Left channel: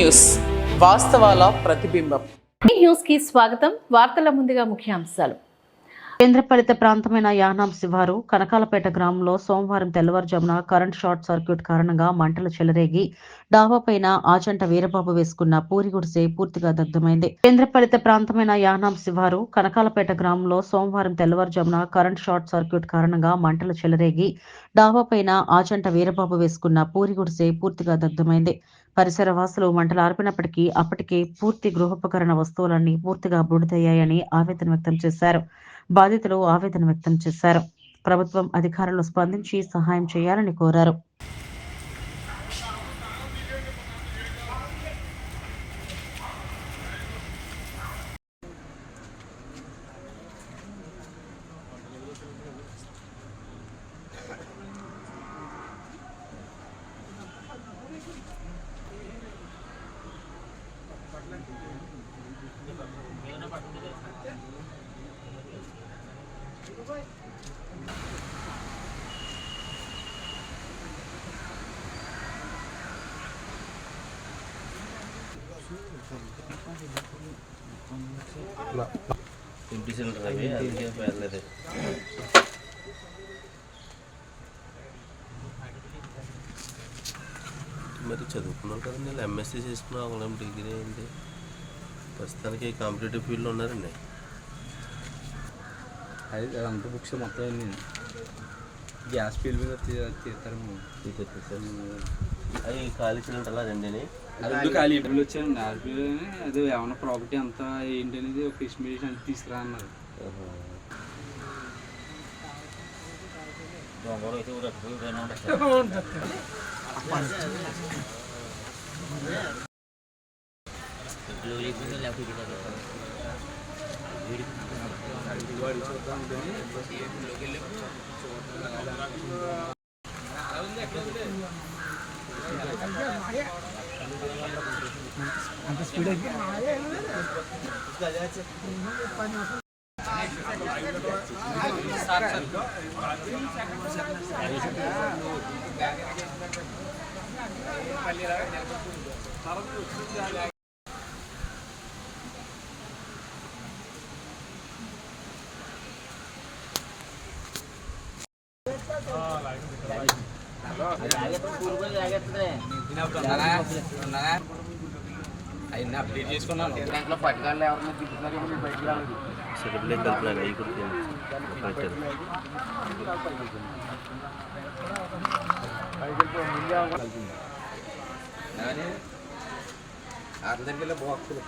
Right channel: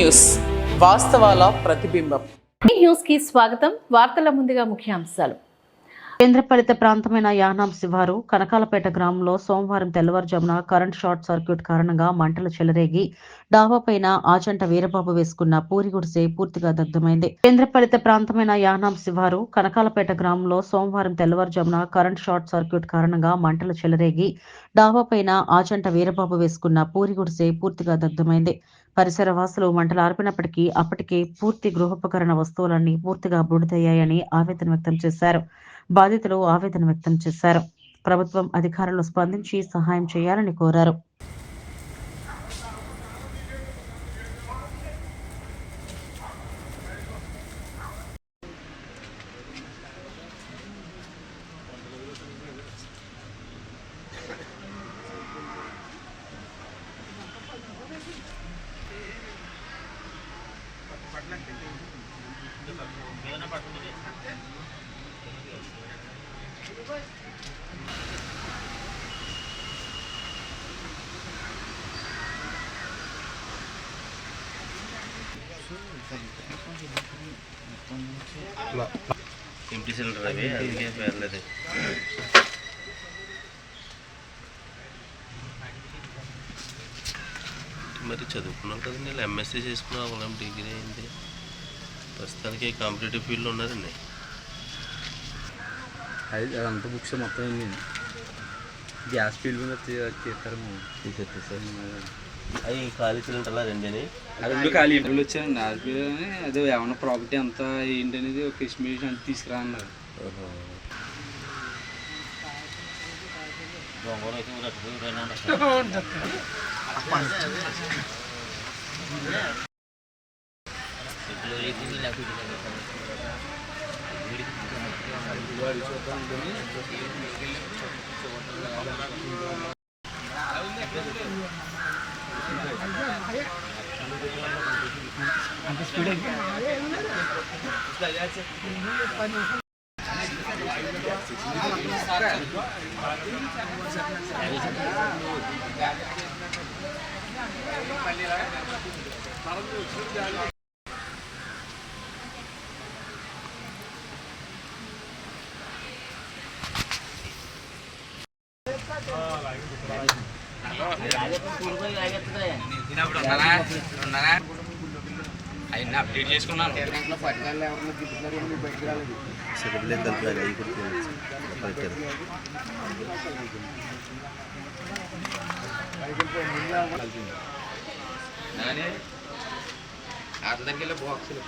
News వాస్తవాల ప్రతిబింబం. News కి స్వాగతం. వార్తల ముందుగా ముఖ్యాంశాలు. కేంద్రపాలిత ప్రాంతమైన యానాం శివారు కనకాలపేట గ్రామంలో సోమవారం తెల్లవారుజామున కరెంట్ షార్ట్ సర్క్యూట్ కారణంగా మంటలు చెలరేగి డాబాపైన ఆచంట వీరబాబు వేసుకున్న పూరి గుడిసె పూర్తిగా దగ్ధమైంది. కేంద్రపాలిత ప్రాంతమైన యానాం శివారు కనకాలపేట గ్రామంలో సోమవారం తెల్లవారుజామున కరెంట్ షార్ట్ సర్క్యూట్ కారణంగా మంటలు చెలరేగి డాబాపైన ఆచంట వీరబాబు వేసుకున్న పూరి గుడిసె పూర్తిగా దగ్ధమైంది. పరిసర వాసులు మంటలు ఆర్పినప్పటికీ అప్పటికే పూర్తి గృహోపకరణ వస్తువులన్నీ పూర్తిగా బూడిదయ్యాయని ఆవేదన వ్యక్తం చేశారు. బాధితులు ఆవేదన వ్యక్తం చేశారు. ప్రభుత్వం అధికారులు స్పందించి సహాయం చేయాలని కోరారు. ఎంటీ సిలిండర్ అవి అందుకే పేర్లేదు. మరి చదువుకున్నాం కదండి, నేను ఎంఎస్సీ చేసుకున్నా, వాళ్ళం డిగ్రీ అయింది. ప్రస్తుతానికి కాంపిటేటివ్ ఫీల్డ్లో ఉన్నారండి. అది అదంతా బుక్స్ మొత్తం వెళ్ళింది. గ్యాస్ ఫీల్డ్ మీద తీసేస్తారు. అవి ఖాళీ సిలిండర్లా రెండేని అది ఖాళీ ఇంటర్వ్యూలు వచ్చారండి. ఆర్పీలోనే అదే ఏమన్నా ప్రాపర్టీ అంతా ఏంటి అనేది ఒక ఎస్టిమేషన్ అంతా తీసుకురా అన్నారు. అయినా అప్డేట్ చేసుకున్నాను. అందరికీ బాక్సులు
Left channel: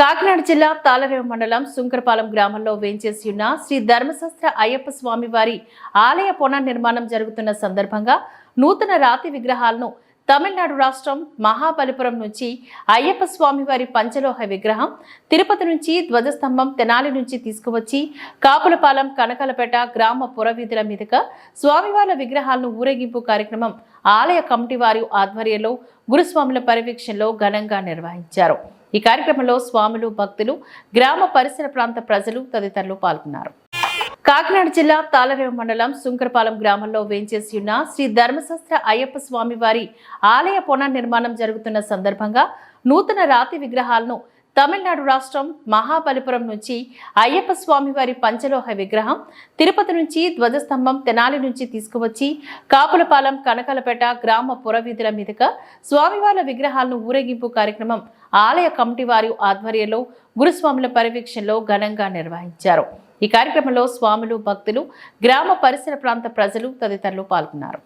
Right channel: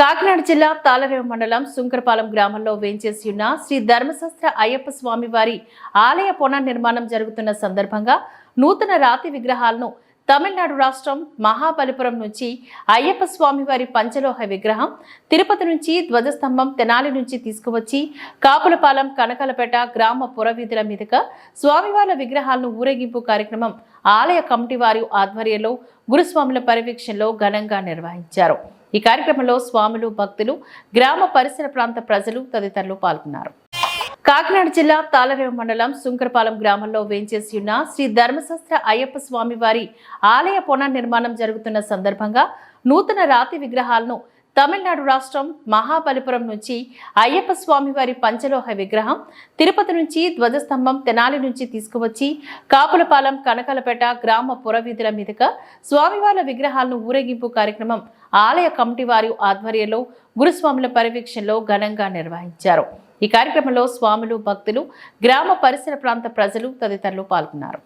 కాకినాడ జిల్లా తాళరేవు మండలం సుంకరపాలెం గ్రామంలో వేంచేసి ఉన్న శ్రీ ధర్మశాస్త్ర అయ్యప్ప స్వామి వారి ఆలయ పునర్నిర్మాణం జరుగుతున్న సందర్భంగా నూతన రాతి విగ్రహాలను తమిళనాడు రాష్ట్రం మహాబలిపురం నుంచి అయ్యప్ప స్వామి వారి పంచలోహ విగ్రహం, తిరుపతి నుంచి ధ్వజస్తంభం తెనాలి నుంచి తీసుకువచ్చి కాపులపాలెం కనకాలపేట గ్రామ పురవీధుల మీదుగా స్వామివార్ల విగ్రహాలను ఊరేగింపు కార్యక్రమం ఆలయ కమిటీ వారి ఆధ్వర్యంలో గురుస్వాముల పర్యవేక్షణలో ఘనంగా నిర్వహించారు. ఈ కార్యక్రమంలో స్వాములు, భక్తులు, గ్రామ పరిసర ప్రాంత ప్రజలు తదితరులు పాల్గొన్నారు. కాకినాడ జిల్లా తాళరేవు మండలం సుంకరపాలెం గ్రామంలో వేంచేసి ఉన్న శ్రీ ధర్మశాస్త్ర అయ్యప్ప స్వామి వారి ఆలయ పునర్నిర్మాణం జరుగుతున్న సందర్భంగా నూతన రాతి విగ్రహాలను తమిళనాడు రాష్ట్రం మహాబలిపురం నుంచి అయ్యప్ప స్వామి వారి పంచలోహ విగ్రహం, తిరుపతి నుంచి ధ్వజస్తంభం తెనాలి నుంచి తీసుకువచ్చి కాపులపాలెం కనకాలపేట గ్రామ పురవీధుల మీదుగా స్వామివార్ల విగ్రహాలను ఊరేగింపు కార్యక్రమం ఆలయ కమిటీ వారి ఆధ్వర్యంలో గురుస్వాముల పర్యవేక్షణలో ఘనంగా నిర్వహించారు. ఈ కార్యక్రమంలో స్వాములు, భక్తులు, గ్రామ పరిసర ప్రాంత ప్రజలు తదితరులు పాల్గొన్నారు.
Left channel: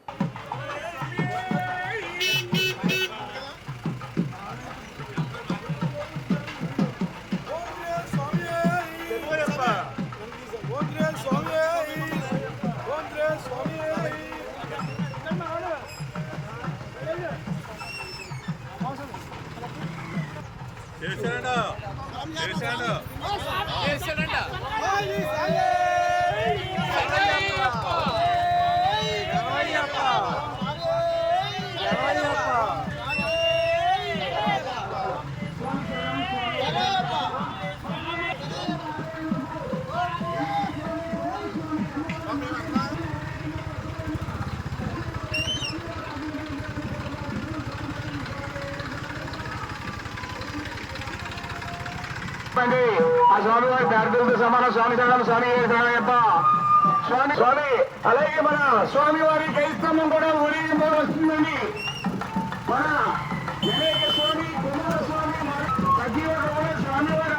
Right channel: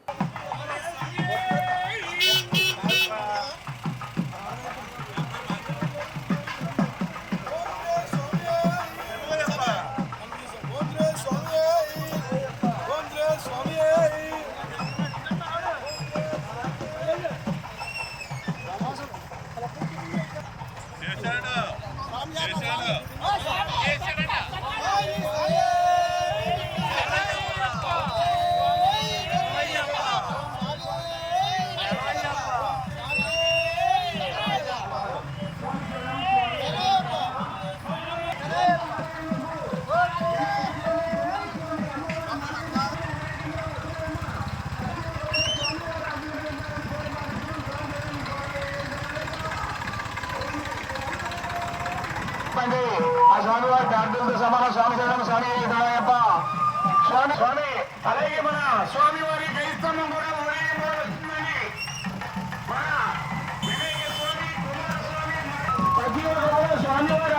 స్వామివారి ప్రార్థనతో సమాన స్వామి శరణం స్వామి శరణయ్యప్ప స్వామి స్వామి. అలాగే మన స్వామివారి క్రైస్తవం కూడా ఊరేగింపు వస్తుందండి. మన వివేక స్వామి, కుమారస్వామి, ప్రతి ఒక్కరు స్వామివారి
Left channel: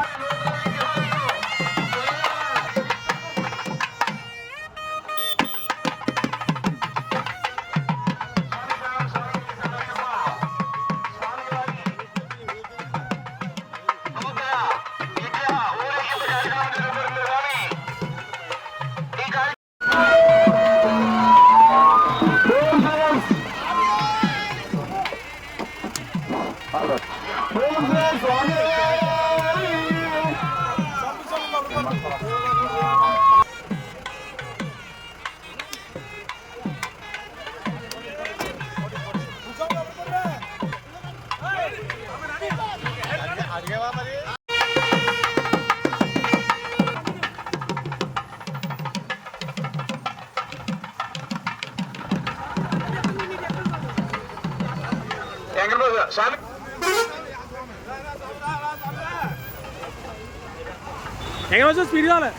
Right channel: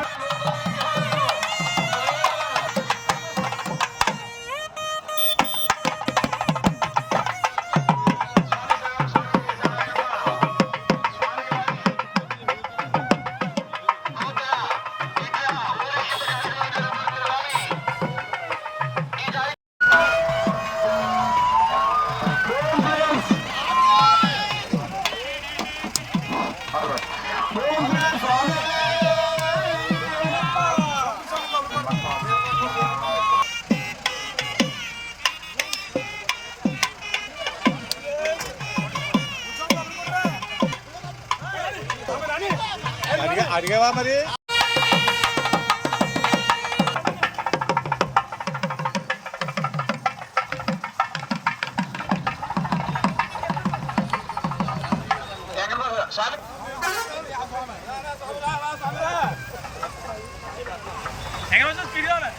స్పీడ్ కావాలి.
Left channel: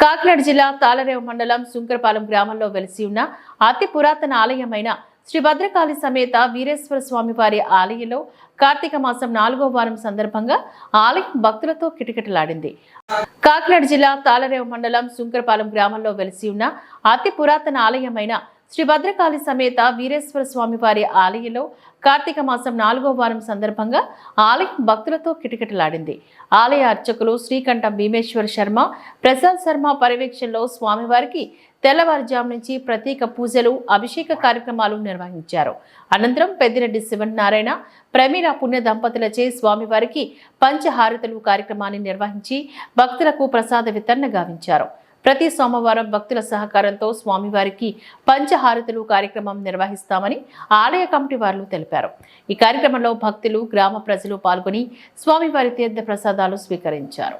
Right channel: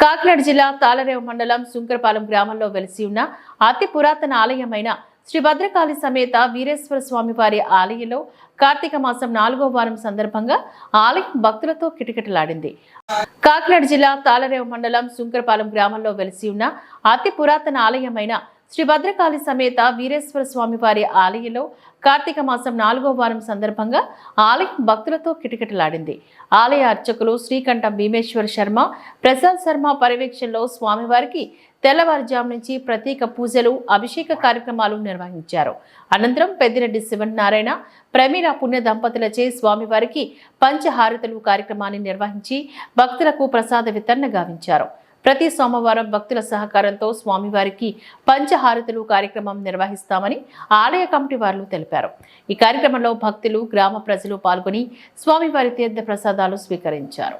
కాకినాడ జిల్లా తాళరేవు మండలం సుంకరపాలెం గ్రామంలో వెలిసి ఉన్న అతి పురాతన ఆలయమైన శ్రీ భద్రకాళి సమేత వీరేశ్వర స్వామి వారి ఆలయంలో కార్తీక మాసం 4వ వారం సందర్భంగా ఆలయం భక్తులతో కిటకిటలాడింది. కాకినాడ జిల్లా తాళరేవు మండలం సుంకరపాలెం గ్రామంలో వెలిసి ఉన్న అతి పురాతన ఆలయమైన శ్రీ భద్రకాళి సమేత వీరేశ్వర స్వామి వారి ఆలయంలో కార్తీక మాసం 4వ వారం సందర్భంగా ఆలయం భక్తులతో కిటకిటలాడింది. ఆలయ అర్చకులు శ్రీకంఠం భీమేశ్వర శర్మ, ప్రసాద్ శర్మ పర్యవేక్షణలో స్వామివారికి తెల్లవారుజాము నుంచి ప్రత్యేక పూజలు, అభిషేక కార్యక్రమాలు నిర్వహించారు. అనంతరం పెద్దిరెడ్డి శివనారాయణ, ప్రమీల పుణ్య దంపతులచే స్వామివారికి పంచహారతులు కార్యక్రమాన్ని నిర్వహించి భక్తులకు ప్రసాద వితరణ గావించారు. ప్రతి సోమవారం భక్తుల సహకారంతో స్వామివారికి పంచహారతులు కార్యక్రమం నిర్వహిస్తామని ఆలయ కమిటీ వారు తెలిపారు. ఈ కార్యక్రమంలో భక్తులు, గ్రామ ప్రజలు పాల్గొని స్వామివారి తీర్థ ప్రసాదాలు స్వీకరించారు.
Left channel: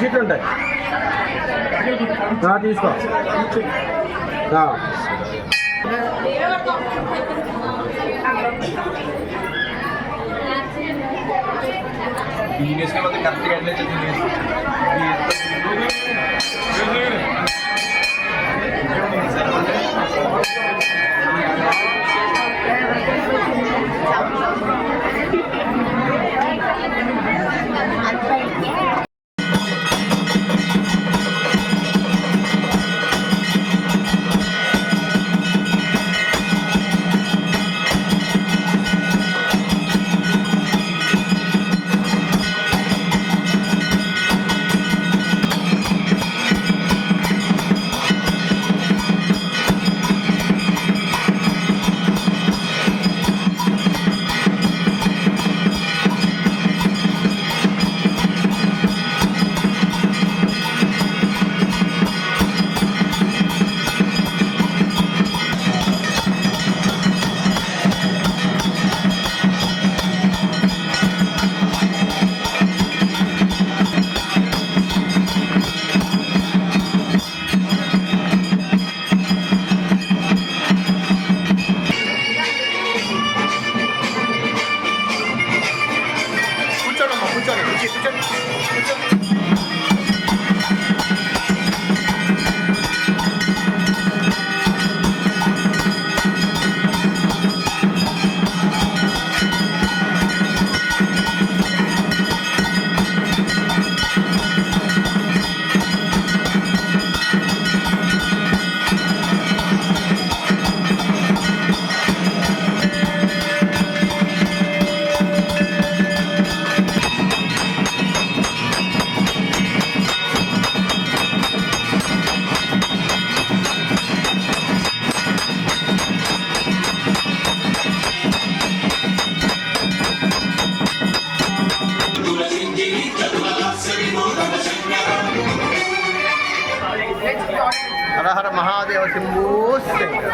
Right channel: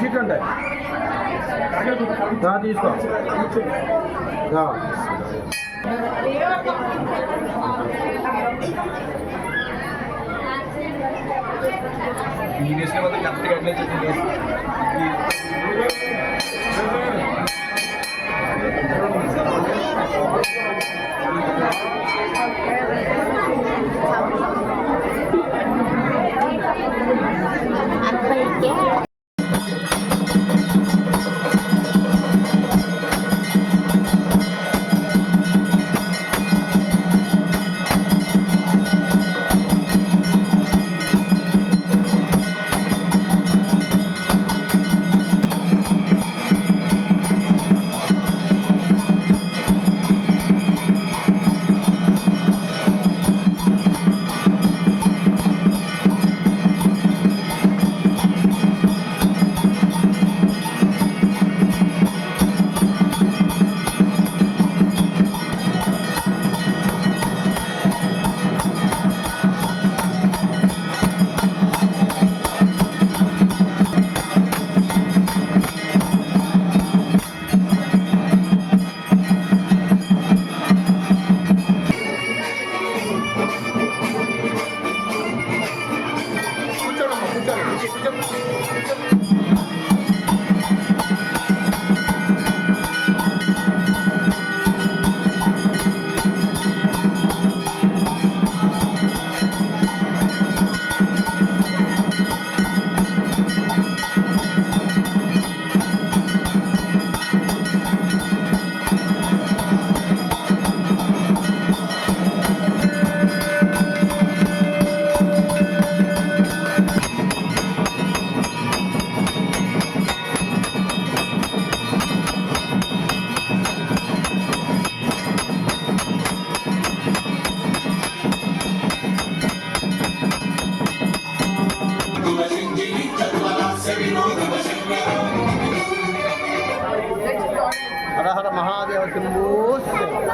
సీట్ ఉంటాయి తీసుకో. హర హర మహాదేవ శంభో శంకర.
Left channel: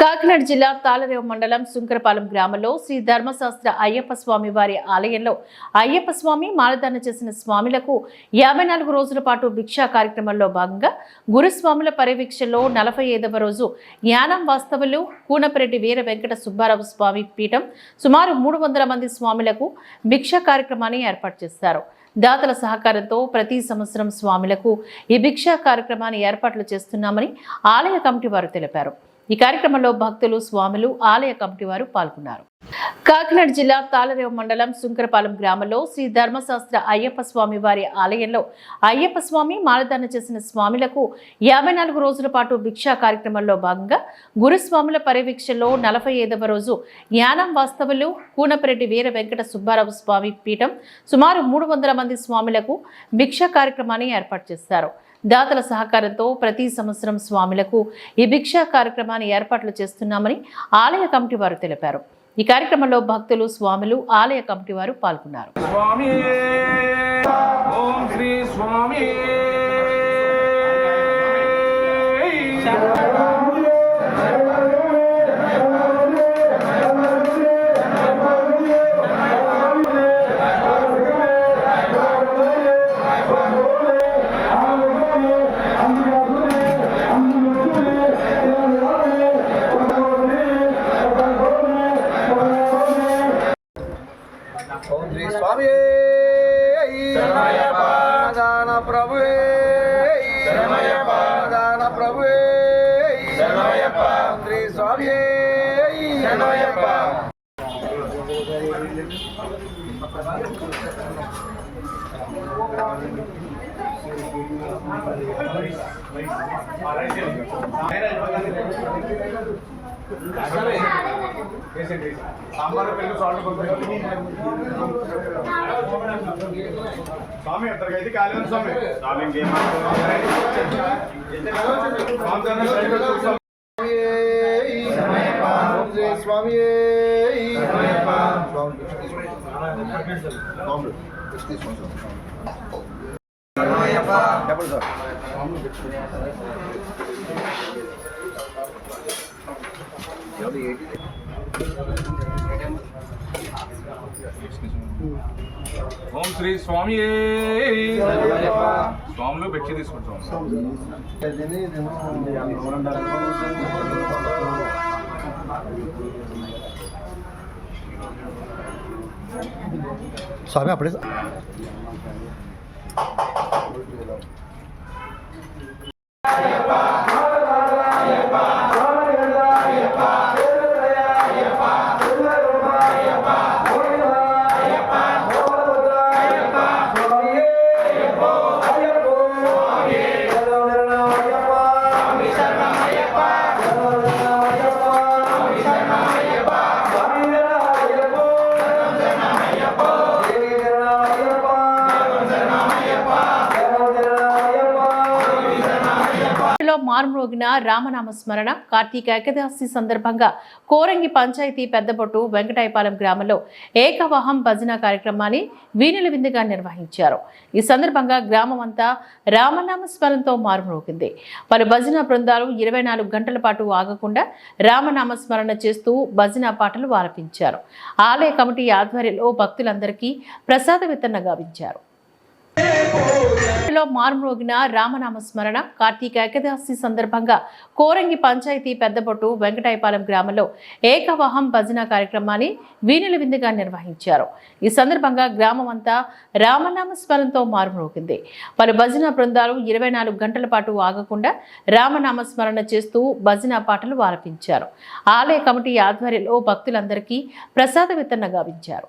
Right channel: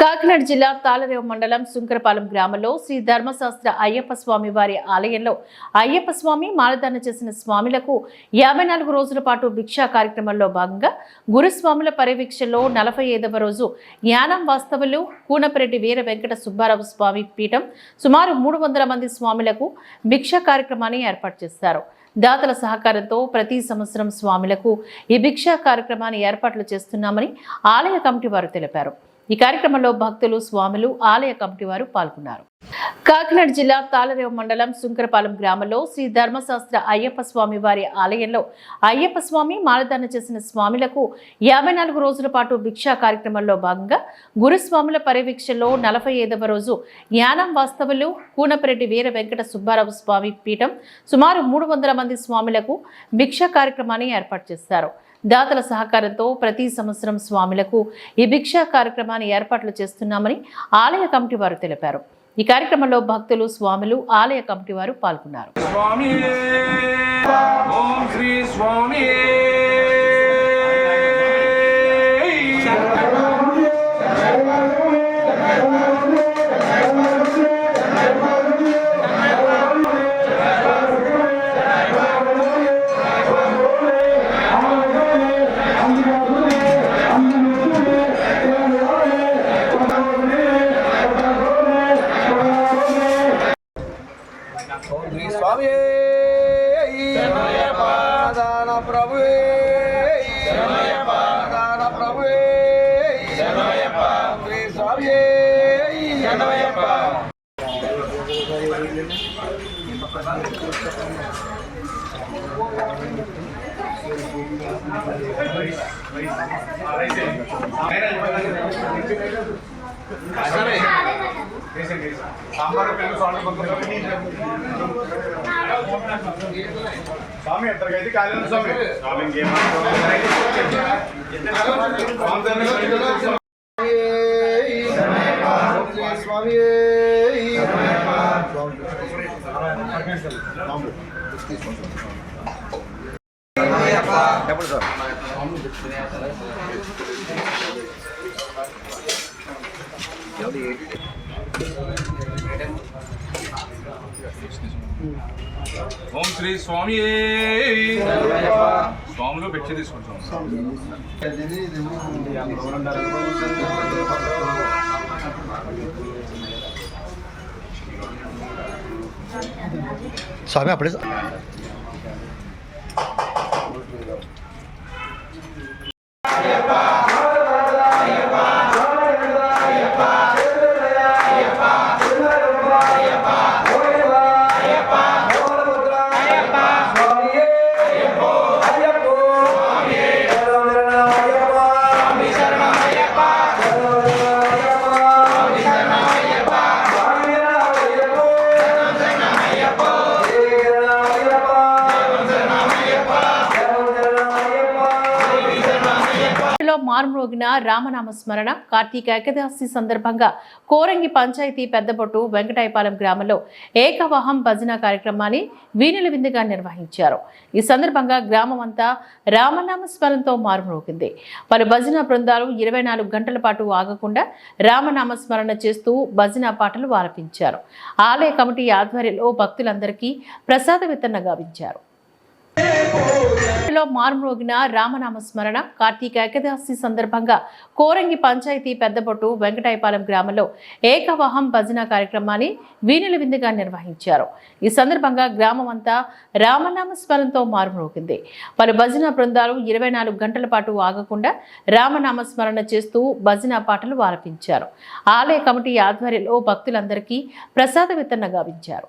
కాకినాడ జిల్లా తాళరేవు మండలం సుంకరపాలెం గ్రామంలో శ్రీ ధర్మశాస్త్ర అయ్యప్ప స్వామి వారి ఆలయంలో అయ్యప్ప స్వామి మాలధారణ చేసిన స్వాములకు 54 రోజుల పాటు భిక్షా కార్యక్రమంలో భాగంగా గురుస్వాముల పర్యవేక్షణలో 45వ రోజు జ్ఞానం వాస్తవులు కూనపరెడ్డి వీర వెంకట సుబ్బారావు స్వామి పీఠం సుమారు 300 మంది స్వాములకు భిక్షా కార్యక్రమాన్ని ఏర్పాటు చేశారు. దాతల సహకారంతో ప్రతి సంవత్సరం స్వాములకు ఈ భిక్షా కార్యక్రమాన్ని ఏర్పాట్లు చేస్తున్నామని ఆలయ కమిటీ వారు తెలిపారు. ఈ కార్యక్రమంలో భక్తులు, స్వాములు, ఆలయ కమిటీ వారు పాల్గొన్నారు. కాకినాడ జిల్లా తాళరేవు మండలం సుంకరపాలెం గ్రామంలో శ్రీ ధర్మశాస్త్ర అయ్యప్ప స్వామి వారి ఆలయంలో అయ్యప్ప స్వామి మాలధారణ చేసిన స్వాములకు 54 రోజుల పాటు భిక్షా కార్యక్రమంలో భాగంగా గురుస్వాముల పర్యవేక్షణలో 45వ రోజు యానం వాస్తవులు కూనపరెడ్డి వీర వెంకట సుబ్బారావు స్వామి పీఠం సుమారు 300 మంది స్వాములకు భిక్షా కార్యక్రమాన్ని ఏర్పాటు చేశారు. దాతల సహకారంతో ప్రతి సంవత్సరం స్వాములకు ఈ భిక్షా కార్యక్రమాన్ని ఏర్పాట్లు చేస్తున్నామని ఆలయ కమిటీ వారు తెలిపారు. ఈ కార్యక్రమంలో భక్తులు, స్వాములు, ఆలయ కమిటీ వారు పాల్గొన్నారు. స్వామి ఓం శ్రీ స్వామి దాన ప్రభువే దాన ప్రభువే శ్రీ స్వామి స్వామి ఎంతకైతే కాలేదు స్వామి స్వామి ఇంకేమంటారు స్వామి ఓం శ్రీ స్వామి స్వాములు భిక్ష తీసుకుంటాం. స్వామి అప్పుడే మారుమ్రోగిన రామనామ స్మరణ కార్తీక ఏకాదశి సందర్భంగా కోరంగి పంచాయతీ పెద్దబొట్టు వెంకటాయపాలెం గ్రామంలో ఏకవాహం భజన కార్యక్రమాన్ని వీణుల విందుగా నిర్వహించారు. ఈ సందర్భంగా గ్రామం అంతా రామనామ స్మరణతో మారుమ్రోగింది. పలు భజన బృందాలు 24 గంటల పాటు ఆగకుండా రామనామ స్మరణ చేస్తూ భజన పాటలు ఆలపించారు. ఆలయ కమిటీ ఆధ్వర్యంలో భక్తులందరికీ ప్రసాద వితరణ గావించారు. మారుమ్రోగిన రామనామ స్మరణ కార్తీక ఏకాదశి సందర్భంగా కోరంగి పంచాయతీ పెద్దబొట్టు వెంకటాయపాలెం గ్రామంలో ఏకవాహం భజన కార్యక్రమాన్ని వీణుల విందుగా నిర్వహించారు. ఈ సందర్భంగా గ్రామం అంతా రామనామ స్మరణతో మారుమ్రోగింది. పలు భజన బృందాలు 24 గంటల పాటు ఆగకుండా రామనామ స్మరణ చేస్తూ భజన పాటలు ఆలపించారు. ఆలయ కమిటీ ఆధ్వర్యంలో భక్తులందరికీ ప్రసాద వితరణ గావించారు.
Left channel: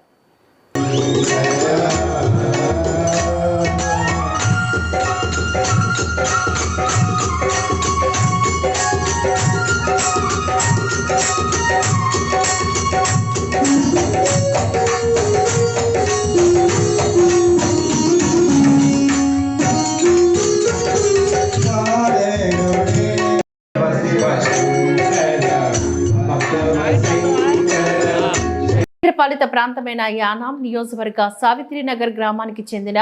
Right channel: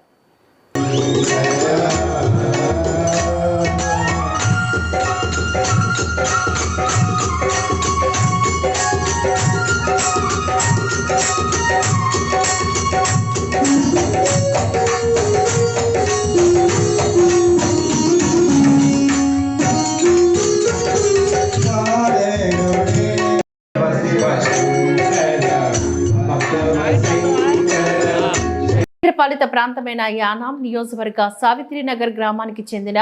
పాలిత ప్రాంతమైన యానాం నియోజకవర్గ సావిత్రినగర్ గ్రామానికి చెందిన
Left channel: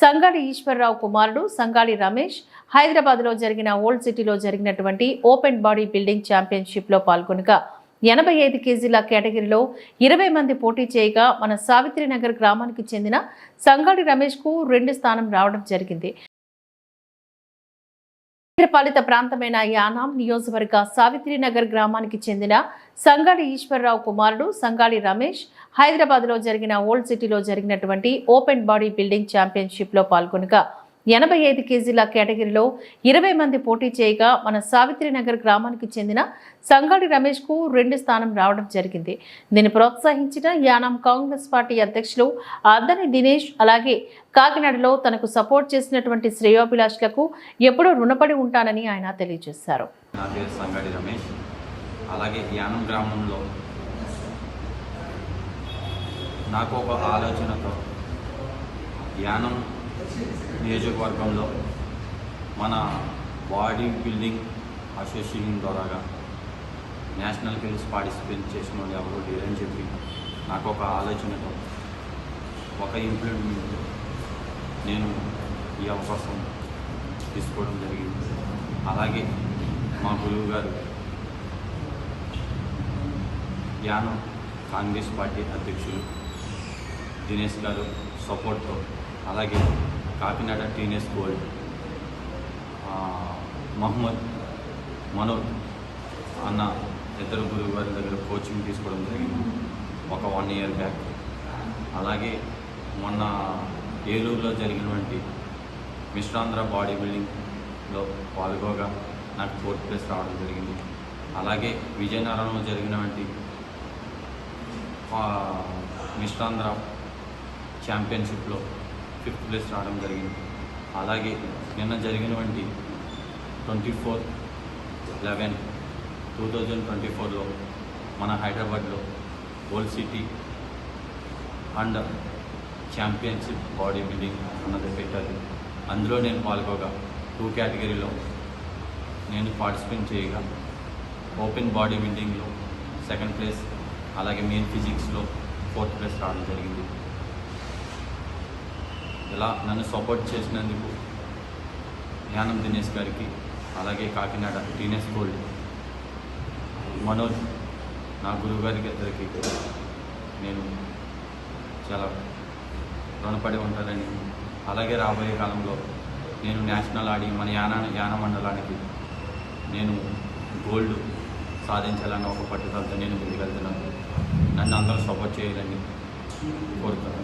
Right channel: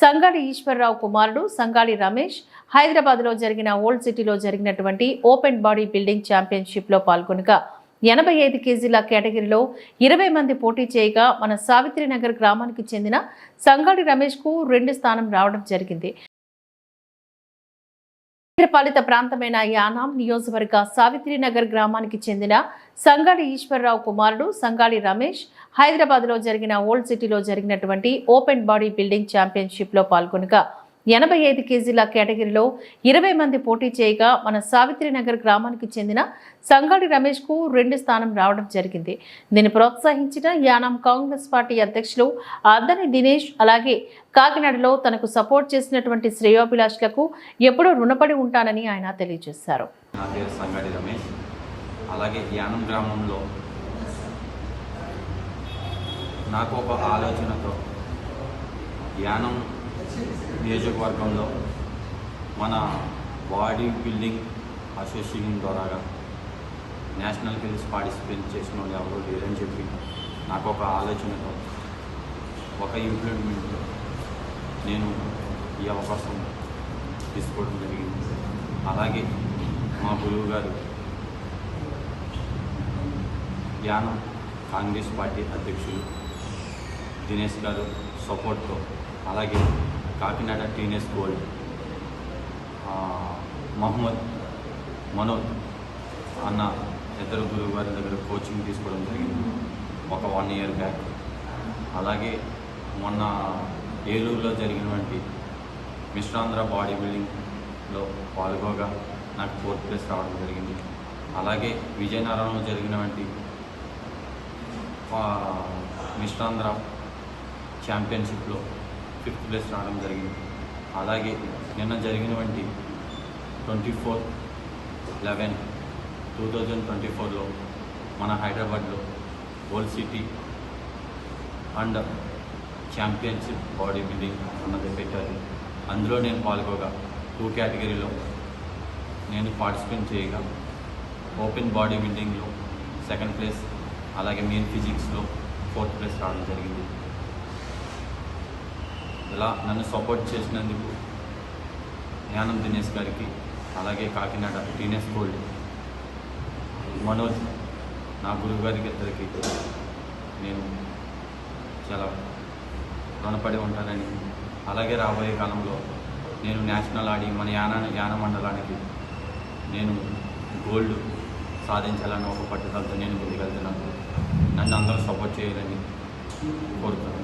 సంగాడి ఈశ్వరరావు కుమారుడు సంగాడి రమేష్ హైదరాబాద్లో జరిగిన ఓల్డ్ సిటీలో జరిగినటువంటి ఓపెన్ బాడీ బిల్డింగ్ ఛాంపియన్షిప్లో పాల్గొనగా 85 కేజీల కేటగిరీలో 20 మంది పోటీ చేయగా మన సావిత్రినగర్ గ్రామానికి చెందిన సంగాడి రమేష్కు 2వ స్థానం రావడం జరిగింది. పాలిత ప్రాంతమైన యానాం నియోజకవర్గ సావిత్రినగర్ గ్రామానికి చెందిన సంగాడి ఈశ్వరరావు కుమారుడు సంగాడి రమేష్ హైదరాబాద్లో జరిగిన ఓల్డ్ సిటీలో జరిగినటువంటి ఓపెన్ బాడీ బిల్డింగ్ ఛాంపియన్షిప్లో పాల్గొనగా 85 కేజీల కేటగిరీలో 20 మంది పోటీ చేయగా మన సావిత్రినగర్ గ్రామానికి చెందిన సంగాడి రమేష్కు 2 స్థానం రావడం జరిగింది. దీన్ని ప్రోత్సహించిన యానాం కాంగ్రెస్ పార్టీ అధ్యక్షులు అద్దని దినేష్, అలాగే కాకినాడలో తనకు సపోర్ట్ చేసినటువంటి శ్రేయోభిలాషులకు ఎప్పుడూ రుణపడి ఉంటానని ఆయన తెలియజేశారు. నా పేరు సంగాడి రమేష్. అలాగే యానం గ్రామంలో నాకు ఒక ఆలోచనతో యానం నియోజకవర్గంలో మన బాడీ బిల్డింగ్ అసోసియేషన్ ద్వారాగా నేషనల్ గేమ్స్ పార్టిసిపేట్ చేసిన వాళ్ళు ఎవరు లేరని చెప్పి నాకు ఒక ఆలోచనతో ఒక ఇంప్లిమెంట్ నేను ఈ అవకాశం తీసుకోవడం జరిగింది. అలాగే మా గురువు గారు యానం కాంగ్రెస్ పార్టీ అధ్యక్షులు దినేష్ గారు సపోర్ట్తో, అలాగే కాకినాడ టీనేజ్ గోల్డ్ మహమ్మద్ మనోజ్ అన్న ఇద్దరు గురువు గారి దగ్గర కోచింగ్ తీసుకోవడం జరిగింది ఒక 1 year బ్యాక్. అలాగే మొన్న ఏలూరులో జరిగినటువంటి మిశ్రాంధ్ర బాడీ బిల్డింగ్లో పాల్గొగా నాకు 4th place రావడం జరిగింది. అలాగే విజయనగరంలో జరిగినటువంటి మిశ్రాంధ్ర ఛాంపియన్షిప్లో 5th place రావడం జరిగింది. అలాగే నిన్న జరిగినటువంటి 24/11/2024లో మన హైదరాబాద్లో old city and championship body building అన్నది పెట్టారు. అందులో నేను పాల్గొగా 2 కేటగిరీలో నేను పార్టిసిపేట్ చేయగా ఓపెన్ బాడీ బిల్డింగ్లో 2nd place, అలాగే మెయిన్ ఫిజిక్స్లో 4th place రావడం జరిగింది. ఇలా నన్ను సపోర్ట్ చేసినందుకు యానం దినేష్ గారికి, అలాగే కాకినాడ టీనేజ్ గోల్డ్ మనోజ్ నా గురువు గారికి ఇద్దరికి నేను చాలా రుణపడి ఉంటానని, అలాగే రాబోయే కాలంలో నేను నేషనల్ ఆడి మన యాన మండలానికి నేను గోల్డ్ సాధించాలని ఒక పట్టుదలతో నేను ముందుకెళ్తున్నాను. నన్ను అందరూ సపోర్ట్ చేయాలని కోరుతున్నాను.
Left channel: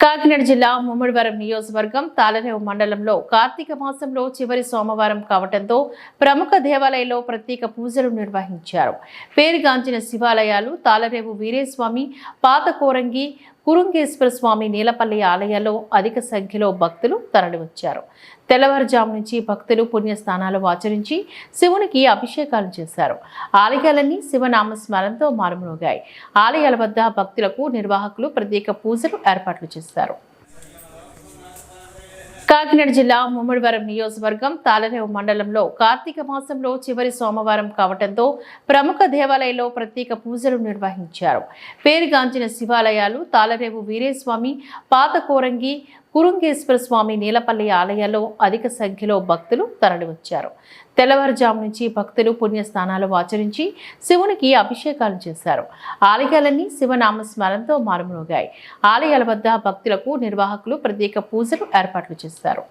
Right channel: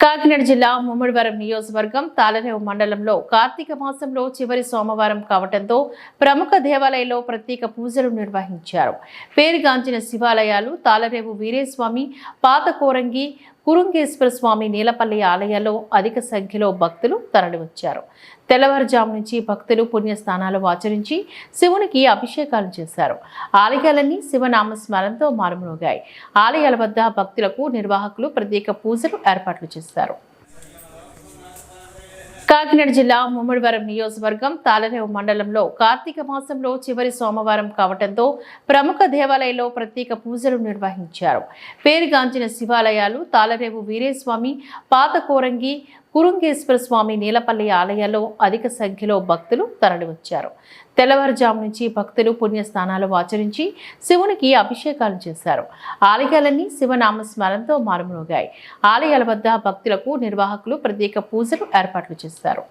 కాకినాడ జిల్లా ముమ్మడివరం నియోజకవర్గం తాళరేవు మండలంలో కార్తీక మాసంలో చివరి సోమవారం కావడంతో ప్రముఖ దేవాలయాల్లో ప్రత్యేక పూజలు నిర్వహించారు. పేరుగాంచిన శివాలయాలు తాళరేవు వీరేస్వామి, పాత కోరంగి, కురుంగేశ్వర స్వామి, నీలపల్లి ఆలయాల్లో అధిక సంఖ్యలో భక్తులు తరలివచ్చారు. తెల్లవారుజాము నుంచి భక్తులు పుణ్యస్నానాలు ఆచరించి శివునికి అభిషేకాలు చేశారు. ఆలయాలన్నీ శివనామ స్మరణతో మారుమోగాయి. ఆలయాల వద్ద భక్తులకు నిర్వాహకులు ప్రత్యేక పూజలు ఏర్పాట్లు చేశారు. కాకినాడ జిల్లా ముమ్మడివరం నియోజకవర్గం తాళరేవు మండలంలో కార్తీక మాసంలో చివరి సోమవారం కావడంతో ప్రముఖ దేవాలయాల్లో ప్రత్యేక పూజలు నిర్వహించారు. పేరుగాంచిన శివాలయాలు తాళరేవు వీరేస్వామి, పాత కోరంగి, కురుంగేశ్వర స్వామి, నీలపల్లి ఆలయాల్లో అధిక సంఖ్యలో భక్తులు తరలివచ్చారు. తెల్లవారుజాము నుంచి భక్తులు పుణ్యస్నానాలు ఆచరించి శివునికి అభిషేకాలు చేశారు. ఆలయాలన్నీ శివనామ స్మరణతో మారుమోగాయి. ఆలయాల వద్ద భక్తులకు నిర్వాహకులు ప్రత్యేక పూజలు ఏర్పాట్లు చేశారు.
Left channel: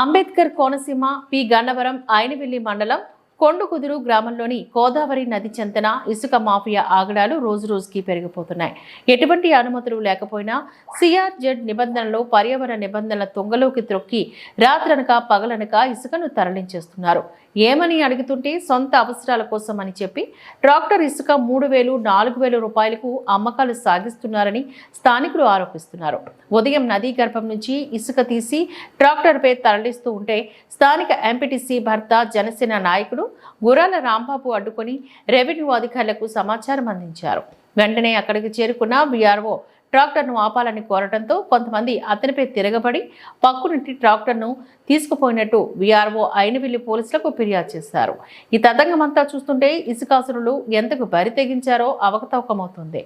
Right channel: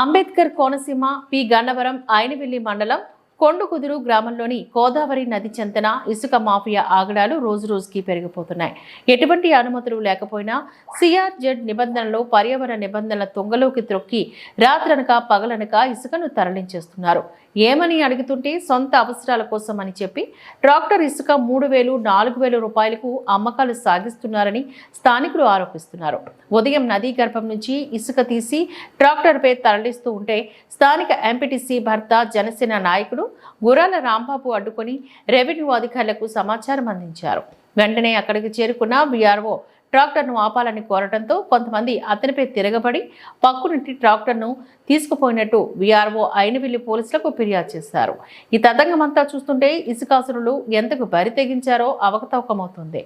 అంబేద్కర్ కోనసీమ పి గన్నవరం ఐనవిల్లి మండలం కొండుకుదురు గ్రామంలోని గోదావరి నది చెంతన ఇసుక మాఫియా ఆగడాలు రోజురోజుకి పెరిగిపోతున్నాయి. ఎటువంటి అనుమతులు లేకపోయినా సిఆర్జెడ్ నిబంధనలు పర్యావరణ నిబంధనల తొంగలోకి త్రొక్కి రాత్రనక పగలనక ఇసుకను తరలించేస్తున్నారు. ఏమని అడుగుతుంటే సొంత అవసరాల కోసం అని చెప్పి ట్రాక్టర్ ఇసుక 3,000-4,000 రూపాయలకు అమ్మకాలు సాగిస్తున్నారని స్థానికులు ఆరోపిస్తున్నారు. ఉదయం నదీ గర్భం నుంచి ఇసుక తీసి ట్రాక్టర్పై తరలిస్తూ ఉంటే స్థానిక ఎంపీటీసీ భర్త జనసేన నాయకుడు గురాల రాంబాబు అడ్డుకొని రెవెన్యూ అధికారులకు సమాచారం అందించారు. వెంటనే అక్కడికి చేరుకున్న వీఆర్ఓ ట్రాక్టర్ను ఆపాలని కోరడంతో కొంతమంది అతనిపై తిరగబడి పక్కునుంటి ట్రాక్టర్ను తీసుకుపోయినట్టు వీఆర్ఓ ఐనవిల్లి పోలీసులకు ఫిర్యాదు చేశారు. ఈ తతంగమంతా చూస్తుంటే ఇసుకాసురులు ఎంతకు బరి తెగించారో అవకతవకమవుతుంది.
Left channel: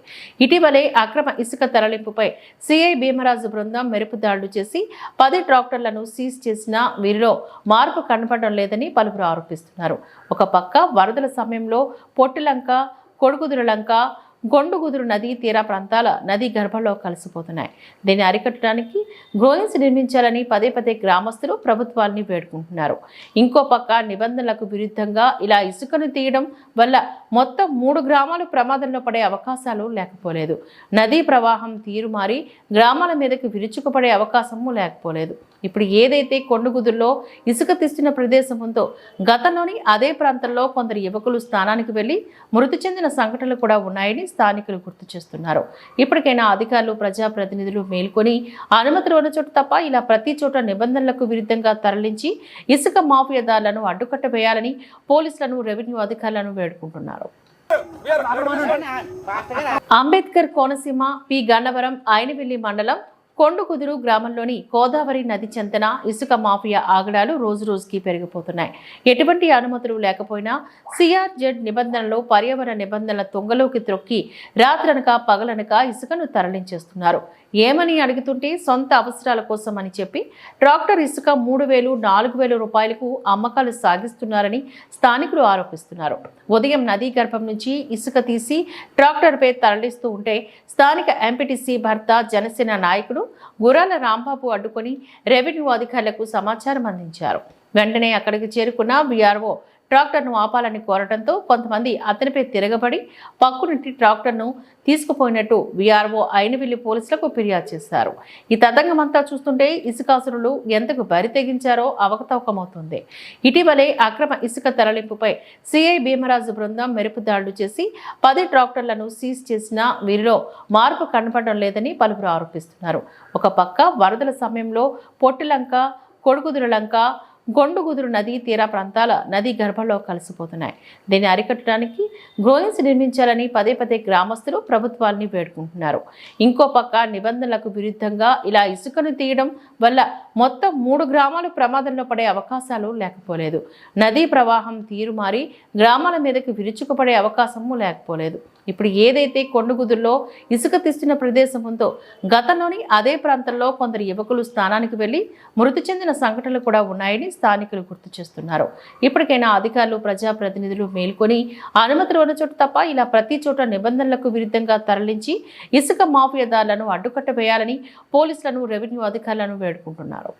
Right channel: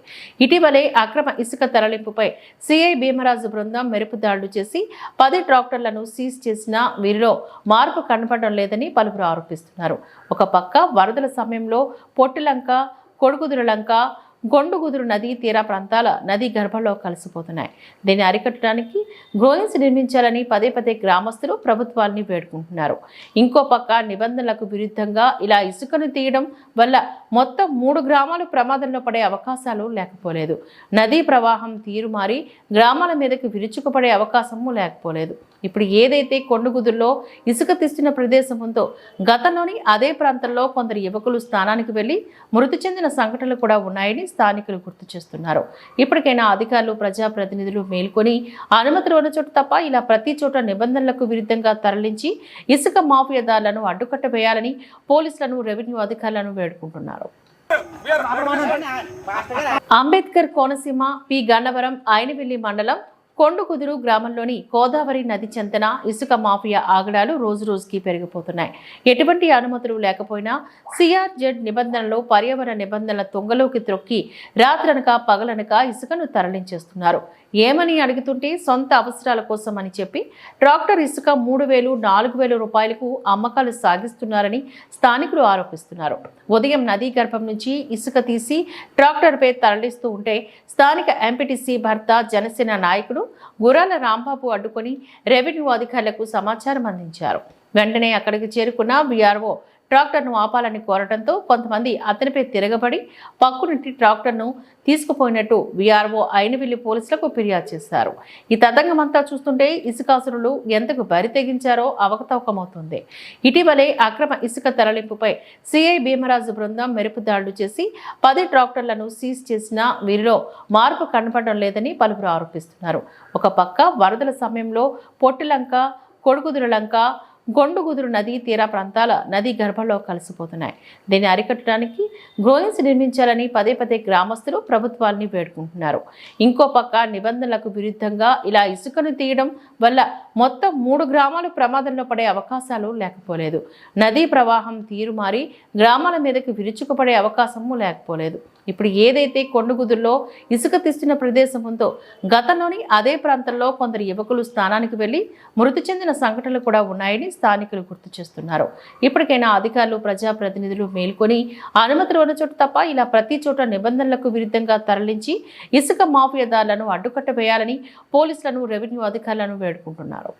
ఇటీవలే అక్రమ ఇసుక తరలింపుపై సిఐ భీమరాజు బృందం మెరుపు దాడులు చేసి 10 ట్రాక్టర్లను సీజ్ చేసినా వీరిలో మార్పు కనపడడం లేదని పలువురు ఆరోపిస్తున్నారు. ఒక పక్క వరదల సమయంలో పొట్టిలంక, కొడుకుదురులంక, గొండుగుదురు నదీ తీర ప్రాంతాల నదీ గర్భంలో కలిసిపోతున్నాయి. దీన్ని అరికట్టడానికి గ్రోయిన్స్ నిర్మించాలని పదే గ్రామస్తులు ప్రభుత్వాన్ని వేడుకుంటున్నారు. ఇంకో పక్క నిబంధనలకు విరుద్ధంగా ఇలా ఇసుకను తీయడం వల్ల మొత్తం 3 గ్రామాలు ప్రమాదంలో పడే అవకాశాలు లేకపోలేదు. నదీ ప్రవాహం తీరుమారి గ్రామాల మీదకి విరుచుకుపడే అవకాశము లేకపోలేదు. ఇప్పుడు ఏదైతే కొండగుదురులో ఇసుక తీస్తున్న ప్రదేశం ఉందో గతంలోని అదే ప్రాంతంలో కొందరు యువకులు స్థానానికి వెళ్లి మృతి చెందిన సంఘటనలు కూడా ఉన్నాయని స్థానికులు గుర్తు చేస్తున్నారు. ఇప్పటికైనా అధికారులు, ప్రజాప్రతినిధులు మేల్కొని అనుమతులు ఉన్న చోట తప్ప ఇలా ప్రతి చోట నిబంధనలకు విరుద్ధంగా తరలించి ఇసుక మాఫియాదారులను అడ్డుకట్టవేయాలని పోలీసులను, రెవెన్యూ అధికారులను వేడుకుంటున్నారు. అంబేద్కర్ కోనసీమ పి గన్నవరం ఐనవిల్లి మండలం కొండుకుదురు గ్రామంలోని గోదావరి నది చెంతన ఇసుక మాఫియా ఆగడాలు రోజురోజుకి పెరిగిపోతున్నాయి. ఎటువంటి అనుమతులు లేకపోయినా సిఆర్జెడ్ నిబంధనలు పర్యావరణ నిబంధనల తొంగలోకి త్రొక్కి రాత్రనక పగలనక ఇసుకను తరలించేస్తున్నారు. ఏమని అడుగుతుంటే సొంత అవసరాల కోసం అని చెప్పి ట్రాక్టర్ ఇసుక 3,000-4,000 రూపాయలకు అమ్మకాలు సాగిస్తున్నారని స్థానికులు ఆరోపిస్తున్నారు. ఉదయం నదీ గర్భం నుంచి ఇసుక తీసి ట్రాక్టర్పై తరలిస్తూ ఉంటే స్థానిక ఎంపీటీసీ భర్త జనసేన నాయకుడు గురాల రాంబాబు అడ్డుకొని రెవెన్యూ అధికారులకు సమాచారం అందించారు. వెంటనే అక్కడికి చేరుకున్న వీఆర్ఓ ట్రాక్టర్ను ఆపాలని కోరడంతో కొంతమంది అతనిపై తిరగబడి పక్కునుంటి ట్రాక్టర్ను తీసుకుపోయినట్టు వీఆర్ఓ ఐనవిల్లి పోలీసులకు ఫిర్యాదు చేశారు. ఈ తతంగమంతా చూస్తుంటే ఇసుకాసురులు ఎంతకు బరి తెగించారో అవకతవకమవుతుంది. ఇటీవలే అక్రమ ఇసుక తరలింపుపై సిఐ భీమరాజు బృందం మెరుపు దాడులు చేసి 10 ట్రాక్టర్లను సీజ్ చేసినా వీరిలో మార్పు కనపడడం లేదని పలువురు ఆరోపిస్తున్నారు. ఒక పక్క వరదల సమయంలో పొట్టిలంక, కొడుకుదురులంక, గొండుగుదురు నదీ తీర ప్రాంతాల నదీ గర్భంలో కలిసిపోతున్నాయి. దీన్ని అరికట్టడానికి గ్రోయిన్స్ నిర్మించాలని పదే గ్రామస్తులు ప్రభుత్వాన్ని వేడుకుంటున్నారు. ఇంకో పక్క నిబంధనలకు విరుద్ధంగా ఇలా ఇసుకను తీయడం వల్ల మొత్తం 3 గ్రామాలు ప్రమాదంలో పడే అవకాశాలు లేకపోలేదు. నదీ ప్రవాహం తీరుమారి గ్రామాల మీదకి విరుచుకుపడే అవకాశము లేకపోలేదు. ఇప్పుడు ఏదైతే కొండగుదురులో ఇసుక తీస్తున్న ప్రదేశం ఉందో గతంలోని అదే ప్రాంతంలో కొందరు యువకులు స్థానానికి వెళ్లి మృతి చెందిన సంఘటనలు కూడా ఉన్నాయని స్థానికులు గుర్తు చేస్తున్నారు. ఇప్పటికైనా అధికారులు, ప్రజాప్రతినిధులు మేల్కొని అనుమతులు ఉన్న చోట తప్ప ఇలా ప్రతి చోట నిబంధనలకు విరుద్ధంగా తరలించి ఇసుక మాఫియాదారులను అడ్డుకట్టవేయాలని పోలీసులను, రెవెన్యూ అధికారులను వేడుకుంటున్నారు.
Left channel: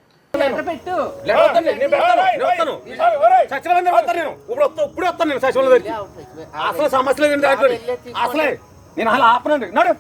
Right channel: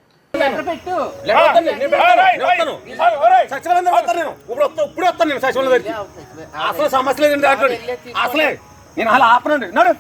అసలు సమస్య లేదు అసలే నేను అలా ఆపనండి. నడు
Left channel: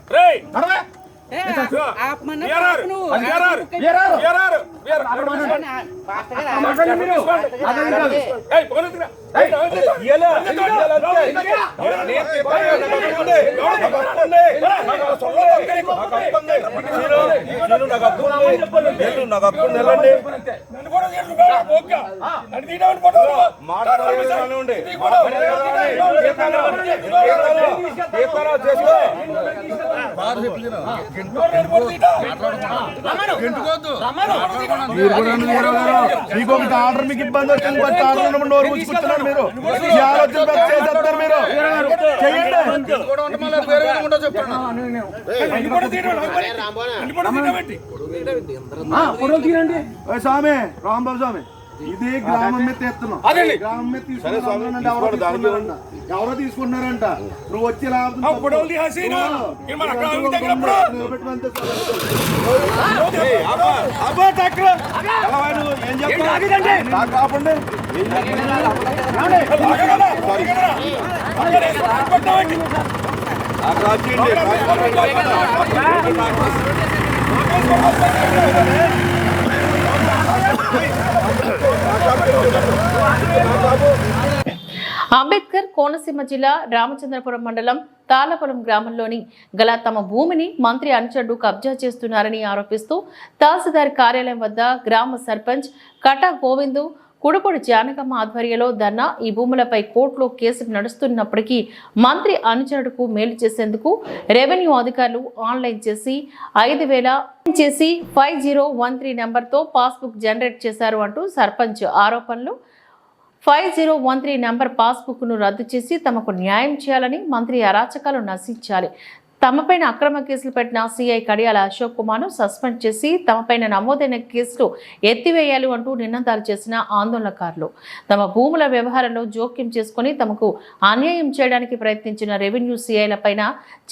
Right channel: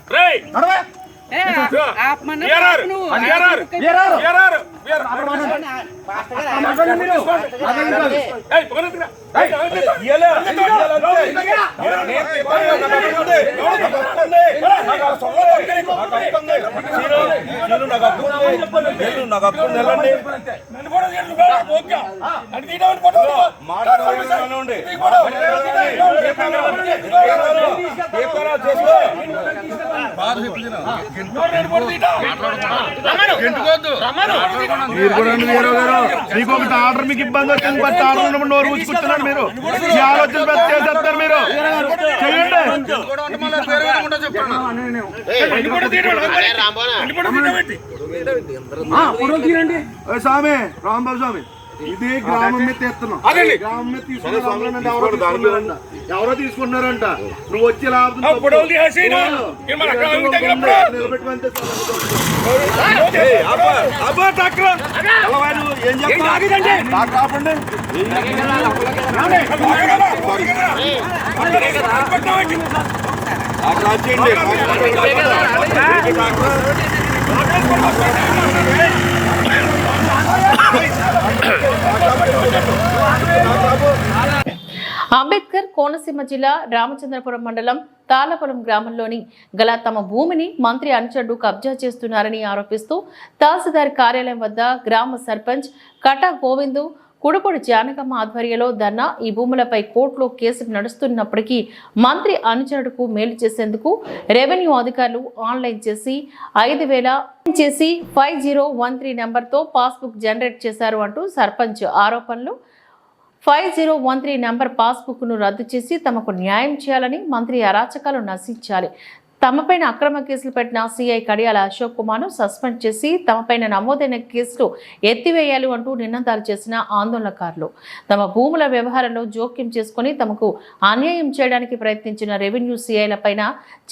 మీకు ఒకటి ఆర్డర్, మీకు ఇబ్బంది వచ్చింది, బట్ ఆర్డర్ ఉన్నప్పుడు నోరు కూర్చున్నాడు. మీరు ఈ ఆలోచన చేస్తారు. మీరు స్వామి రాంబాబు స్వామి ఇది గ్రామం మీద తెస్తున్నాం. గ్రామం మీద తీసుకున్నారంట. ఎవరో తీసుకుంటున్నారంట. నువ్వు వచ్చి నిలబెట్టుకుంటే ఏం చెప్పండి. అంబేద్కర్ కోనసీమ జిల్లా రామచంద్రపురం మండలం తాళపొలం గ్రామంలోని గల తమ భూమిని మంత్రి అనుచరుడు కబ్జా చేస్తున్నారని ఆరోపిస్తూ తహసీల్దార్ కార్యాలయం వద్ద గ్రామ సర్పంచ్ కటా గోవిందు కుడుపొడి జానకమ్మ ఆధ్వర్యంలో ధర్నా ఈ భూములపై కోర్టులో కేసులు నడుస్తున్నప్పటికీ మంత్రి అనుచరుడుకు మేలు చేసేందుకు రెవెన్యూ అధికారులు ఆన్లైన్ చేసి 5013 నెంబర్తో పాస్బుక్ జనరేట్ చేశారు అంటూ సర్పంచ్ ఆరోపణలు. 5013 నెంబర్ పాస్బుక్ను రద్దు చేసి తమకు న్యాయం చేయాలని, మంత్రి అరాచకాలు నశించాలి, తమపైన అక్రమ కేసులు పెట్టిన సిఐ కడియాల అశోక్ కుమార్ను సస్పెండ్ చేసి తమపైన నమోదైన కేసులు ఎత్తివేయాలి అంటూ నినాదాలు చేసిన ఆందోళనకారులు తమ భూముల వ్యవహారంలో జోక్యం చేసుకుని తమకు అన్యాయం చేయడానికి ప్రయత్నించిన రెవెన్యూ సిఐలపైన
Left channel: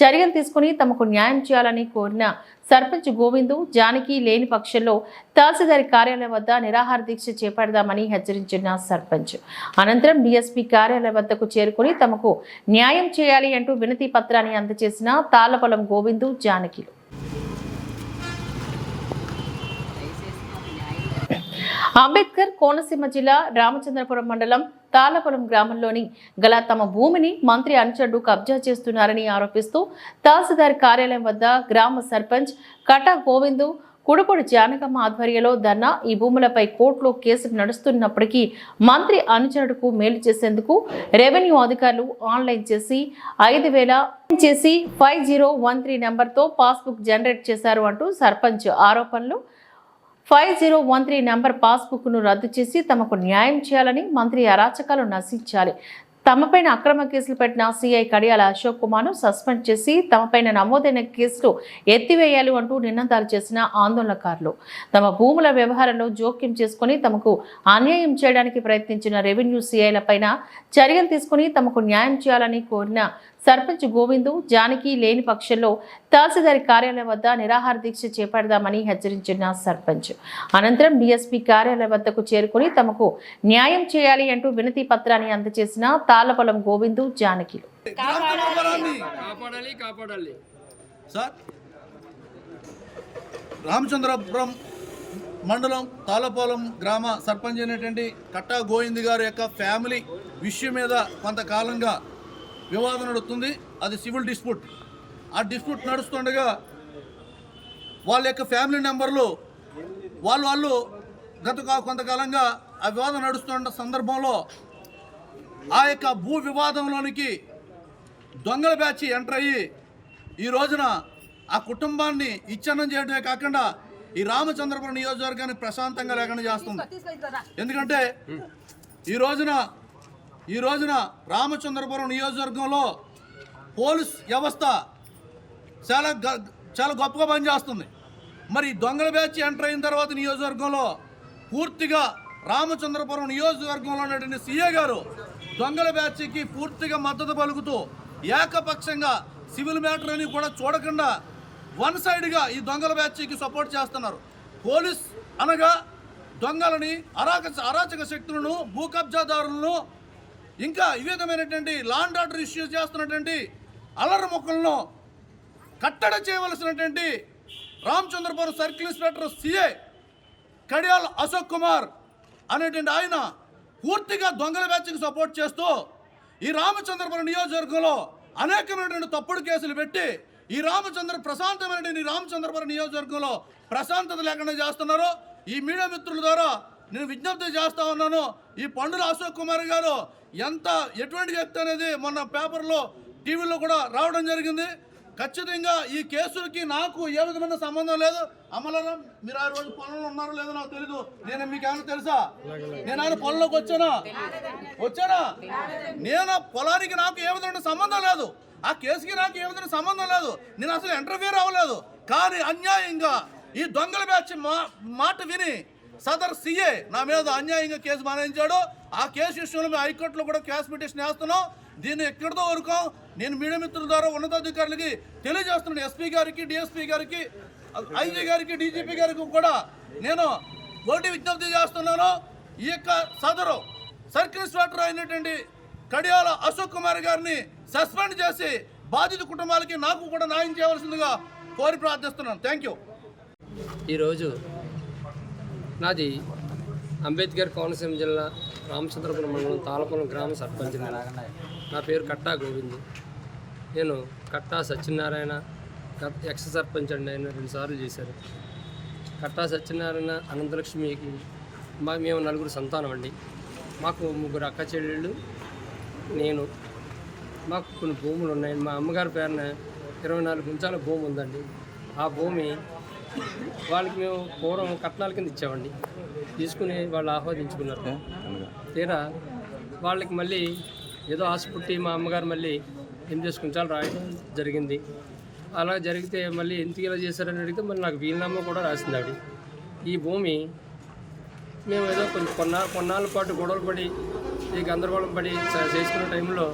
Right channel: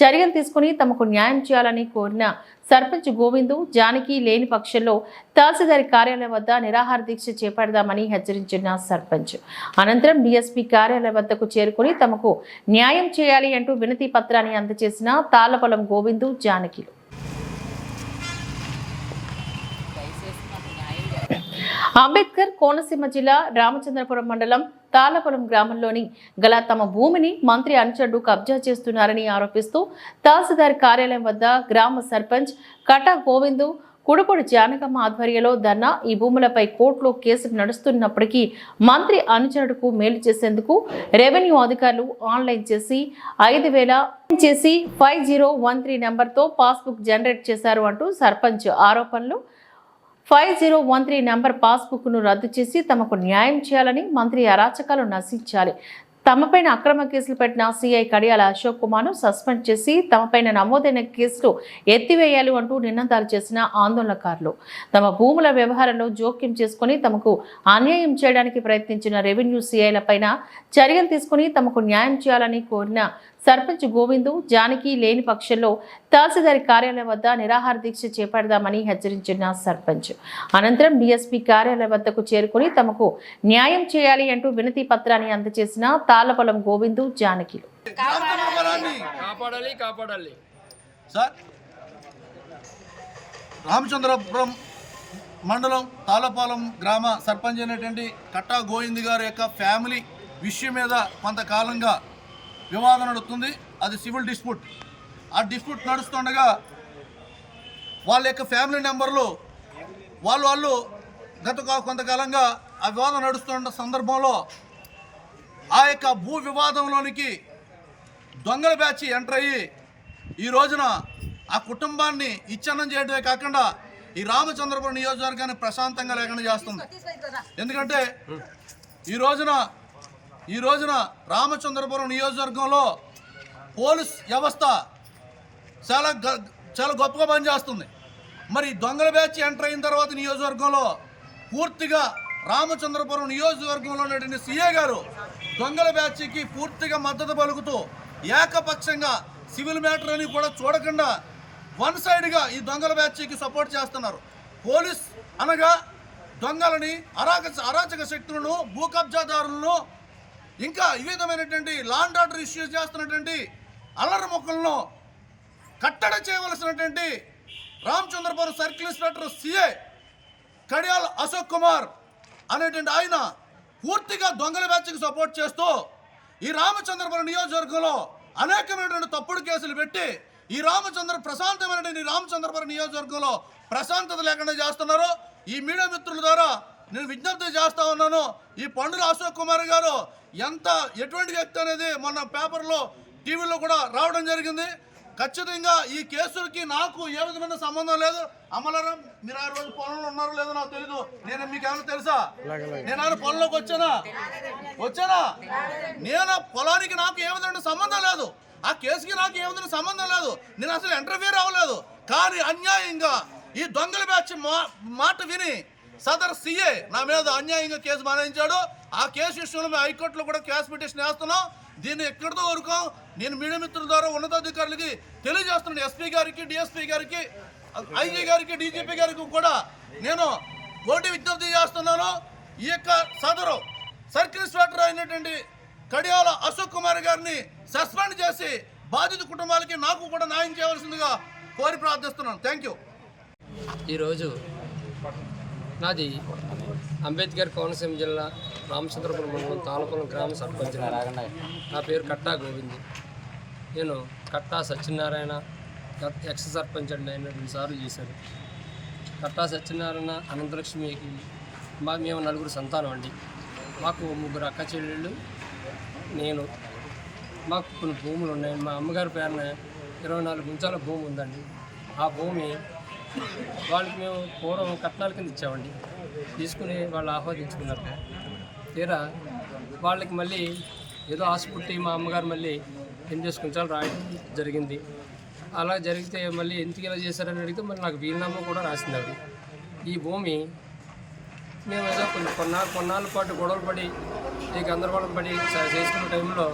చర్యలు తీసుకుని తమకు న్యాయం చేయాలని కోరిన సర్పంచ్ గోవిందు జానకి లేని పక్షంలో తహసీల్దార్ కార్యాలయం వద్ద నిరాహార దీక్ష చేపడదామని హెచ్చరించిన సర్పంచ్ అనంతరం డీఎస్పీ కార్యాలయం వద్దకు చేరుకుని తమకు న్యాయం చేయాలి అంటూ వినతి పత్రాన్ని అందజేసిన తాళపొలం గోవిందు జానకిలు. అంబేద్కర్ కోనసీమ జిల్లా రామచంద్రపురం మండలం తాళపొలం గ్రామంలోని గల తమ భూమిని మంత్రి అనుచరుడు కబ్జా చేస్తున్నారని ఆరోపిస్తూ తహసీల్దార్ కార్యాలయం వద్ద గ్రామ సర్పంచ్ కటా గోవిందు కుడుపొడి జానకమ్మ ఆధ్వర్యంలో ధర్నా ఈ భూములపై కోర్టులో కేసులు నడుస్తున్నప్పటికీ మంత్రి అనుచరుడుకు మేలు చేసేందుకు రెవెన్యూ అధికారులు ఆన్లైన్ చేసి 5013 నెంబర్తో పాస్బుక్ జనరేట్ చేశారు అంటూ సర్పంచ్ ఆరోపణలు. 5013 నెంబర్ పాస్బుక్ను రద్దు చేసి తమకు న్యాయం చేయాలని, మంత్రి అరాచకాలు నశించాలి, తమపైన అక్రమ కేసులు పెట్టిన సిఐ కడియాల అశోక్ కుమార్ను సస్పెండ్ చేసి తమపైన నమోదైన కేసులు ఎత్తివేయాలి అంటూ నినాదాలు చేసిన ఆందోళనకారులు తమ భూముల వ్యవహారంలో జోక్యం చేసుకుని తమకు అన్యాయం చేయడానికి ప్రయత్నించిన రెవెన్యూ సిఐలపైన చర్యలు తీసుకుని తమకు న్యాయం చేయాలని కోరిన సర్పంచ్ గోవిందు జానకి లేని పక్షంలో తహసీల్దార్ కార్యాలయం వద్ద నిరాహార దీక్ష చేపడదామని హెచ్చరించిన సర్పంచ్ అనంతరం డీఎస్పీ కార్యాలయం వద్దకు చేరుకుని తమకు న్యాయం చేయాలి అంటూ వినతి పత్రాన్ని అందజేసిన తాళపొలం గోవిందు జానకిలు. సార్, రామచంద్రపురం మండలం తాళపాలెం గ్రామ సర్పంచ్ అయినటువంటి కట్టా గోవింద్ గారి యొక్క ఫ్యామిలీ విషయం మీద కొంతకాలంగా వివాదం నడుస్తుంది. అది సివిల్ డిస్ప్యూట్. ఆ డిస్ప్యూట్ నడుస్తుండగా వాళ్ళ యొక్క ఫ్యామిలీ నెంబర్లు వాళ్ళు గత కొంతకాలంగా ఆ వివాదం నడుస్తున్న సందర్భంలో ఆ యొక్క భూ వివాదంలోనికి దొంగల బ్యాచ్ ఎంటర్ అయ్యి ఈ రోజున ఆ కుటుంబాన్ని ఇచ్ఛన్నం చేయడమే కాకుండా ఈ రామచంద్రపురం నియోజకవర్గాన్ని ప్రశాంతంగా లేకుండా చేస్తుంది. ఎందుకంటే ఈ రోజున రామచంద్రపురం నియోజకవర్గంలో పోలీస్ వ్యవస్థ చాలా గొప్పగా పనిచేస్తుంది. మరి దొంగల బ్యాచ్ ఎంటర్ అయిన తర్వాత నియోజకవర్గంలో పూర్తిగా రామచంద్రపురం నియోజకవర్గంలో ఉన్నటువంటి సీఏ గారు దొంగల బ్యాచ్కి పూర్తిగా మద్దతు పలుకుతూ ఏకపక్షంగా సివిల్ మ్యాటర్ అని కూడా చూడకుండా వన్ సైడ్గా ఈ దొంగల బ్యాచ్కి సపోర్ట్ చేస్తున్నారు. పోలీస్ అనగా దొంగలని అరాచక శక్తులను, భూ కబ్జాదారులను, ఇంకా ఈ విధమైనటువంటి లాండ్ ఆర్డర్ ఇష్యూస్ చేస్తున్నటువంటి అల్లరి మొక్కలను కట్టడి చేయవలసినటువంటి రామచంద్రపురం సర్కిల్ ఇన్స్పెక్టర్ సిఐ కడియాల అశోక్ కుమార్ అనేటువంటి ఆయన పూర్తిగా దొంగల బ్యాచ్కి సపోర్ట్ చేస్తూ ఈ రామచంద్రపురం నియోజకవర్గంలో అనేకమైనటువంటి తప్పుడు కేసులు పెట్టి ఈ ప్రశాంతమైనటువంటి రామచంద్రపురం నియోజకవర్గంలో ప్రశాంతత లేకుండా చేస్తున్నారు. ఈ మీడియా మిత్రుల ద్వారా నేను విజ్ఞప్తి చేస్తా ఉన్నాను. ఈ పండుల అశోక్ కుమార్ గారు ఎటువంటి వ్యక్తి అనేది మొన్న పేపర్లో, టీవీలో కూడా రావడం జరిగింది. ఖచ్చితంగా ఈ కేసులకి నాకు ఏ విధమైన సంబంధం లేదు. అమలారాం, మీరు ఆ రోజు పొలంలో ఉన్నారో లేదో నాకు తెలీదు. మీకు ఏమైనా తెలుసా? నేను ఆయన పొలంలోకి వచ్చానా? నేను పొలానికి నాకు ఏ విధమైన సంబంధం లేదు. ఆ కేసుకి నాకు ఏ విధమైన సంబంధం లేదు. నేను అసలు ఇంటర్ఫియర్ అవ్వలేదు. కానీ అన్యాయంగా ఈ దొంగల బ్యాచ్ మాట విని సదర్ సీఏ నా మీద అన్యాయంగా కేసు మానేయించాడు. ఆ కేసు విషయంలో మేము హైకోర్టులో కూడా క్యాష్ పిటిషన్ వేస్తున్నాం. దీన్ని ఎక్కడితో వరకు నేను మీడియా మిత్రుల ద్వారా ఉన్నతాధికారులకి తెలియజేస్తున్నాను. ఎస్పీ గారికి, డిఎస్పీ గారికి, ఐజీ గారికి, డీజీపీ గారికి కూడా నేను కోర్టు విజ్ఞప్తి చేస్తున్నాను. ఈ యొక్క సదరు సర్కిల్ ఇన్స్పెక్టర్ అయినటువంటి కడియాల అశోక్ కుమార్ గారిని సస్పెండ్ చేసి బాధిత కుటుంబాలకి నాకు కూడా న్యాయం చేయవలసిందిగా కోరి ప్రార్థిస్తున్నాను. Thank you. ఈరోజు నాది అంబేద్కర్ కోనసీమ జిల్లా రామచంద్రపురం మండలం తాళపురం గ్రామ సర్పంచ్. నా పేరు కట్టా గోవింద్. నేను కట్టా సత్యనారాయణ ఎక్స్ సర్పంచ్ అండి. ఆయన 2 సార్లు చేశారు. కట్టా సత్యనారాయణ అనంతలక్ష్మికి మేము 4 సంతానం అండి. మాకు 3 అక్క చెల్లెళ్ళు, నేను. మాకు కొన్ని భూములు ఉన్నాయండి. మా అమ్మగారి పేరున 24 గుంచాల భూమి ఉందండి. ఆ భూమి వాళ్ళకి మేము పూర్వం కట్నాల కింద ఇచ్చామండి. తీసుకుని వాళ్ళు ఆహ్వానించుకున్నారు. తీరా వాళ్ళకి మళ్ళీ ఏదో ఆశ పుట్టి మా అమ్మగారు మళ్ళీ 8 గుంచాలు రాయడం జరిగింది. అలా జరిగితే మళ్ళీ ఎందుకు ఇలా చేశారని అడిగితే మళ్ళీ నాకు వీలునామా కూడా రాసింది ఆవిడ. ఈ భూమి మేము ఏదో కొంచెం కొన్నాళ్ళ పాటు గొడవలు పడి ఈ గందరగోళం పడి చేసుకున్న టైంలో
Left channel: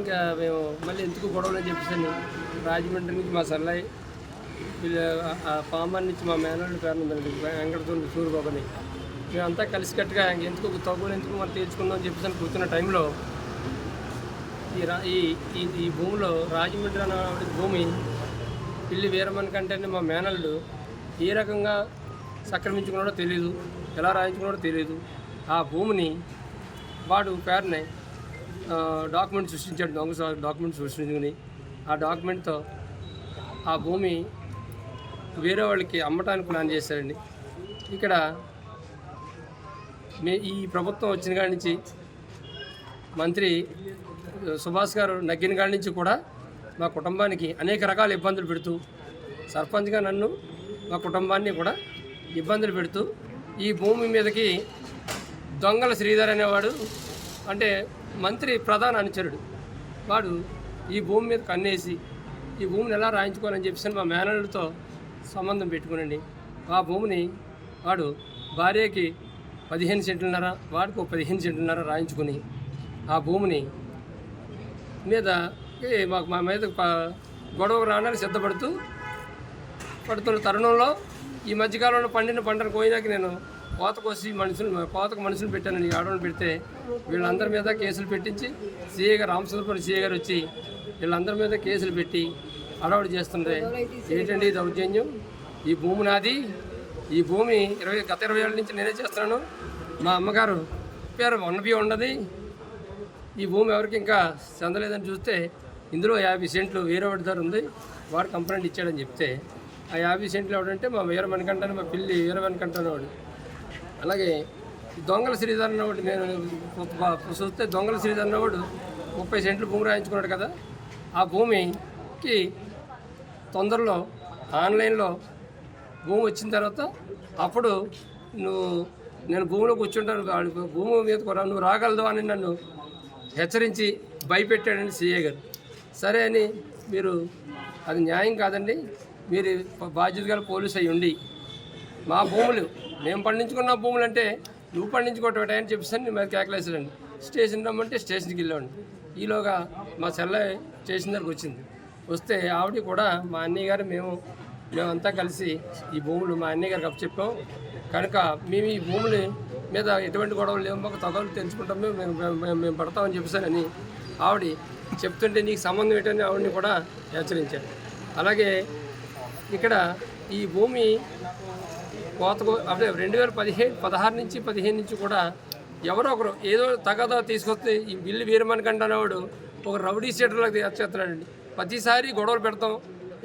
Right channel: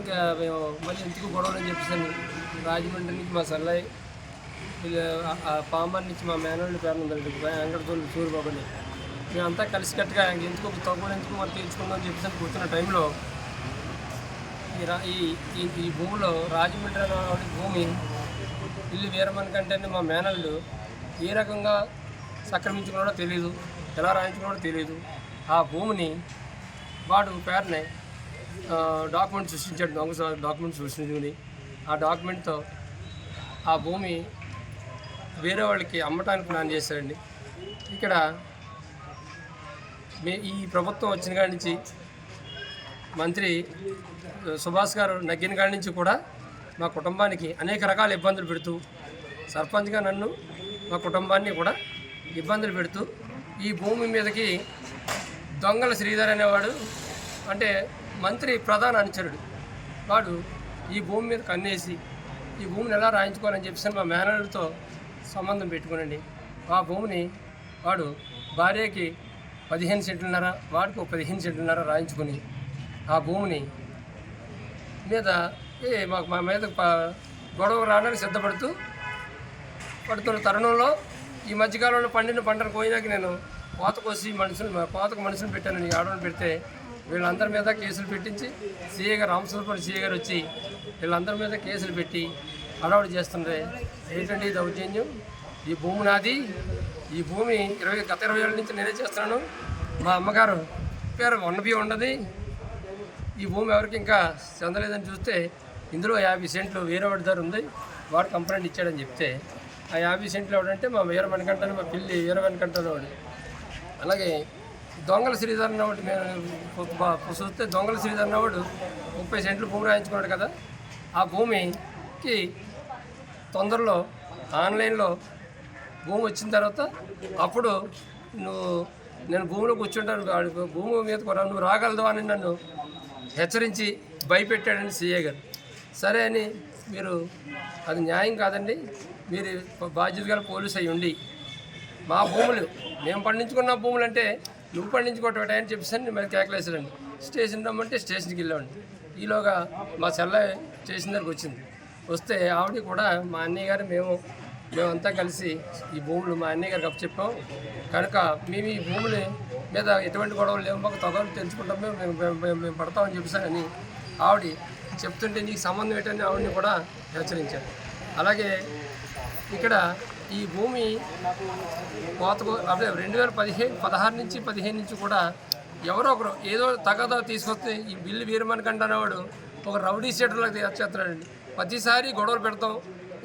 ఇంకా మేము మళ్ళీ ఎందుకు గొడవలు అని చెప్పేసి రాజమండ్రి నుంచి మా సల్లయ్య, పాంబన్ నుంచి మా మేనల్ని పేరు ఉందండి వెంకటతోని సూరిబాబుని, మేమంతా కలిసికట్టుగా ఎందుకు తగ్గులు ఎందుకు మరి తీర్చుకుందాం అని చెప్పేసి కూర్చున్న టైంలో ఈ భూమిలో రాజమండ్రి అనే భూమి పిల్లి వీరమణి కంటేనే మా మేనల్లు ఏ రకంగా సక్రమించుకున్నాడో తెలియదు, ఎలా రాయించుకున్నాడో తెలియదు. ఆ భూమిని వాడు పేరునే డాక్యుమెంట్ సృష్టించాడు. దొంగ డాక్యుమెంట్ సృష్టించుకుని ఆ డాక్యుమెంట్తో ఆ భూమి వేరే వాళ్ళకి అమ్మటానికి ప్లాన్ చేశారండి. ఇక్కడ ఈ ప్రభుత్వం వచ్చిన కాడి నుంచి మంత్రి సుభాష్ గారు నగ్గిన కాడి నుంచి కూడా మా కుటుంబానికి అనేక రకాల ఇబ్బందులు పెడుతూ, సర్పంచ్గా నన్ను మా కుటుంబాన్ని కూడా ఇబ్బందులు పెడుతూ ఈ భూమి మీదకి దొంగల శ్రీధర్ అనేవాడు, అంటే మంత్రి ప్రధాన అనుచరుడు, వాడు ఈ భూమి మీద కన్నేసి ఈ భూమిని ఎలా రాయించుకోవాలని చెప్పేసి మా మేనల్తో సంబంధం పెట్టుకునండి. ఆ భూమిని వాడు భార్యకి 15 సెంట్లున్నర, వాడికి 15 సెంట్లున్నర రాయించుకొని ఆ భూమిని మీద మా మీద గొడవ రావడానికి పడుతున్న తరుణంలో ఈ మధ్యకాలంలో పండిన పంటను కోయినాక నేను కోతకు మనుషులు పెట్టానని ఆడవాళ్ళు పెడితే వీళ్ళందరి మీద కేసులు పెట్టించి సీఏ గారు రామచంద్రపురం సీఏ గారు వచ్చి వీళ్ళందరి మీద కేసులు పెట్టి అడవాడు చేస్తుండే. ఏంటంటే ఇది దౌర్జన్యం, ఈ భూమి నాది, ఈ భూమి గత 20 ఏళ్ళ నుంచి నేనే చేస్తున్నాను, మా అమ్మగారు పేరు ఉన్నవి ఉండదు, ఈ భూమి ఎవరికి ఇంకా చెందలేదని చూస్తే ఇందులో 50 సెంట్లు వీరవాడి ధర ఉంది, వాడు కంప్లైంట్ ఇచ్చాడని చెప్తే ఆ 50 సెంట్లు ఎవడంటే మా వీరమణికంటాను, మా పిల్లి వీరమణికంటాను వాడు. అలాగే దొంగల శ్రీధర్ అన్నవాడు నేను చూస్తే దొంగల శ్రీధర్ అన్నవాడు 30 సెంట్లు భూమి రాయించుకున్నాడు కదా. ఆ భూమికి తొందరలో ఆన్లైన్లో భూమి వచ్చిన తర్వాత అప్పుడు నేను భూమిలో కూర్చుంటాను, భూమి మీద కూడా నువ్వు రాగలదు అని నన్ను హెచ్చరించి భయపెట్టాడని సీఏ గారు. సరే అని మీరు అది న్యాయం కాదండి, మీరు బాధ్యత గల పోలీసు అయ్యి ఉండి మా భూములు మేము పండించుకున్న భూములు అంటే నువ్వు పండించుకోవటం అని చెప్పేసి నేను మీద కేకలేసాడండి. స్టేషన్ రమ్మంటే స్టేషన్కి వెళ్ళామండి. ఈలోగా మా చెల్లె స్టేషన్ దగ్గరికి వచ్చింది. వస్తే ఆవిడ కూడా మా అన్నయ్య గారు మేమంతా కలిసి ఈ భూములు మా అన్నయ్య గారికి అప్పచెప్పాం కనుక మేము ఈ భూముల మీద ఎటువంటి గొడవలు లేవు, మాకు తగలు తెలుసుకుంటాం, మేము పడతామని చెప్పేసానని ఆవిడ చెప్తుంటే నీకు సంబంధం ఏంటని ఆవిడని కూడా హెచ్చరించాడు. అలాగే ఇక్కడ ఈ భూమి అదే 2016 నుంచి 15 నుంచి కూడా ఎవరో ఒకరు ఏదో తగదా తీసుకొస్తే ఈ బిల్లు వీరమణికంటనేవాడు ఒక రౌడీ షీటర్లకు చేస్తున్నాడండి. ప్రతిసారి గొడవలు పెడతాం.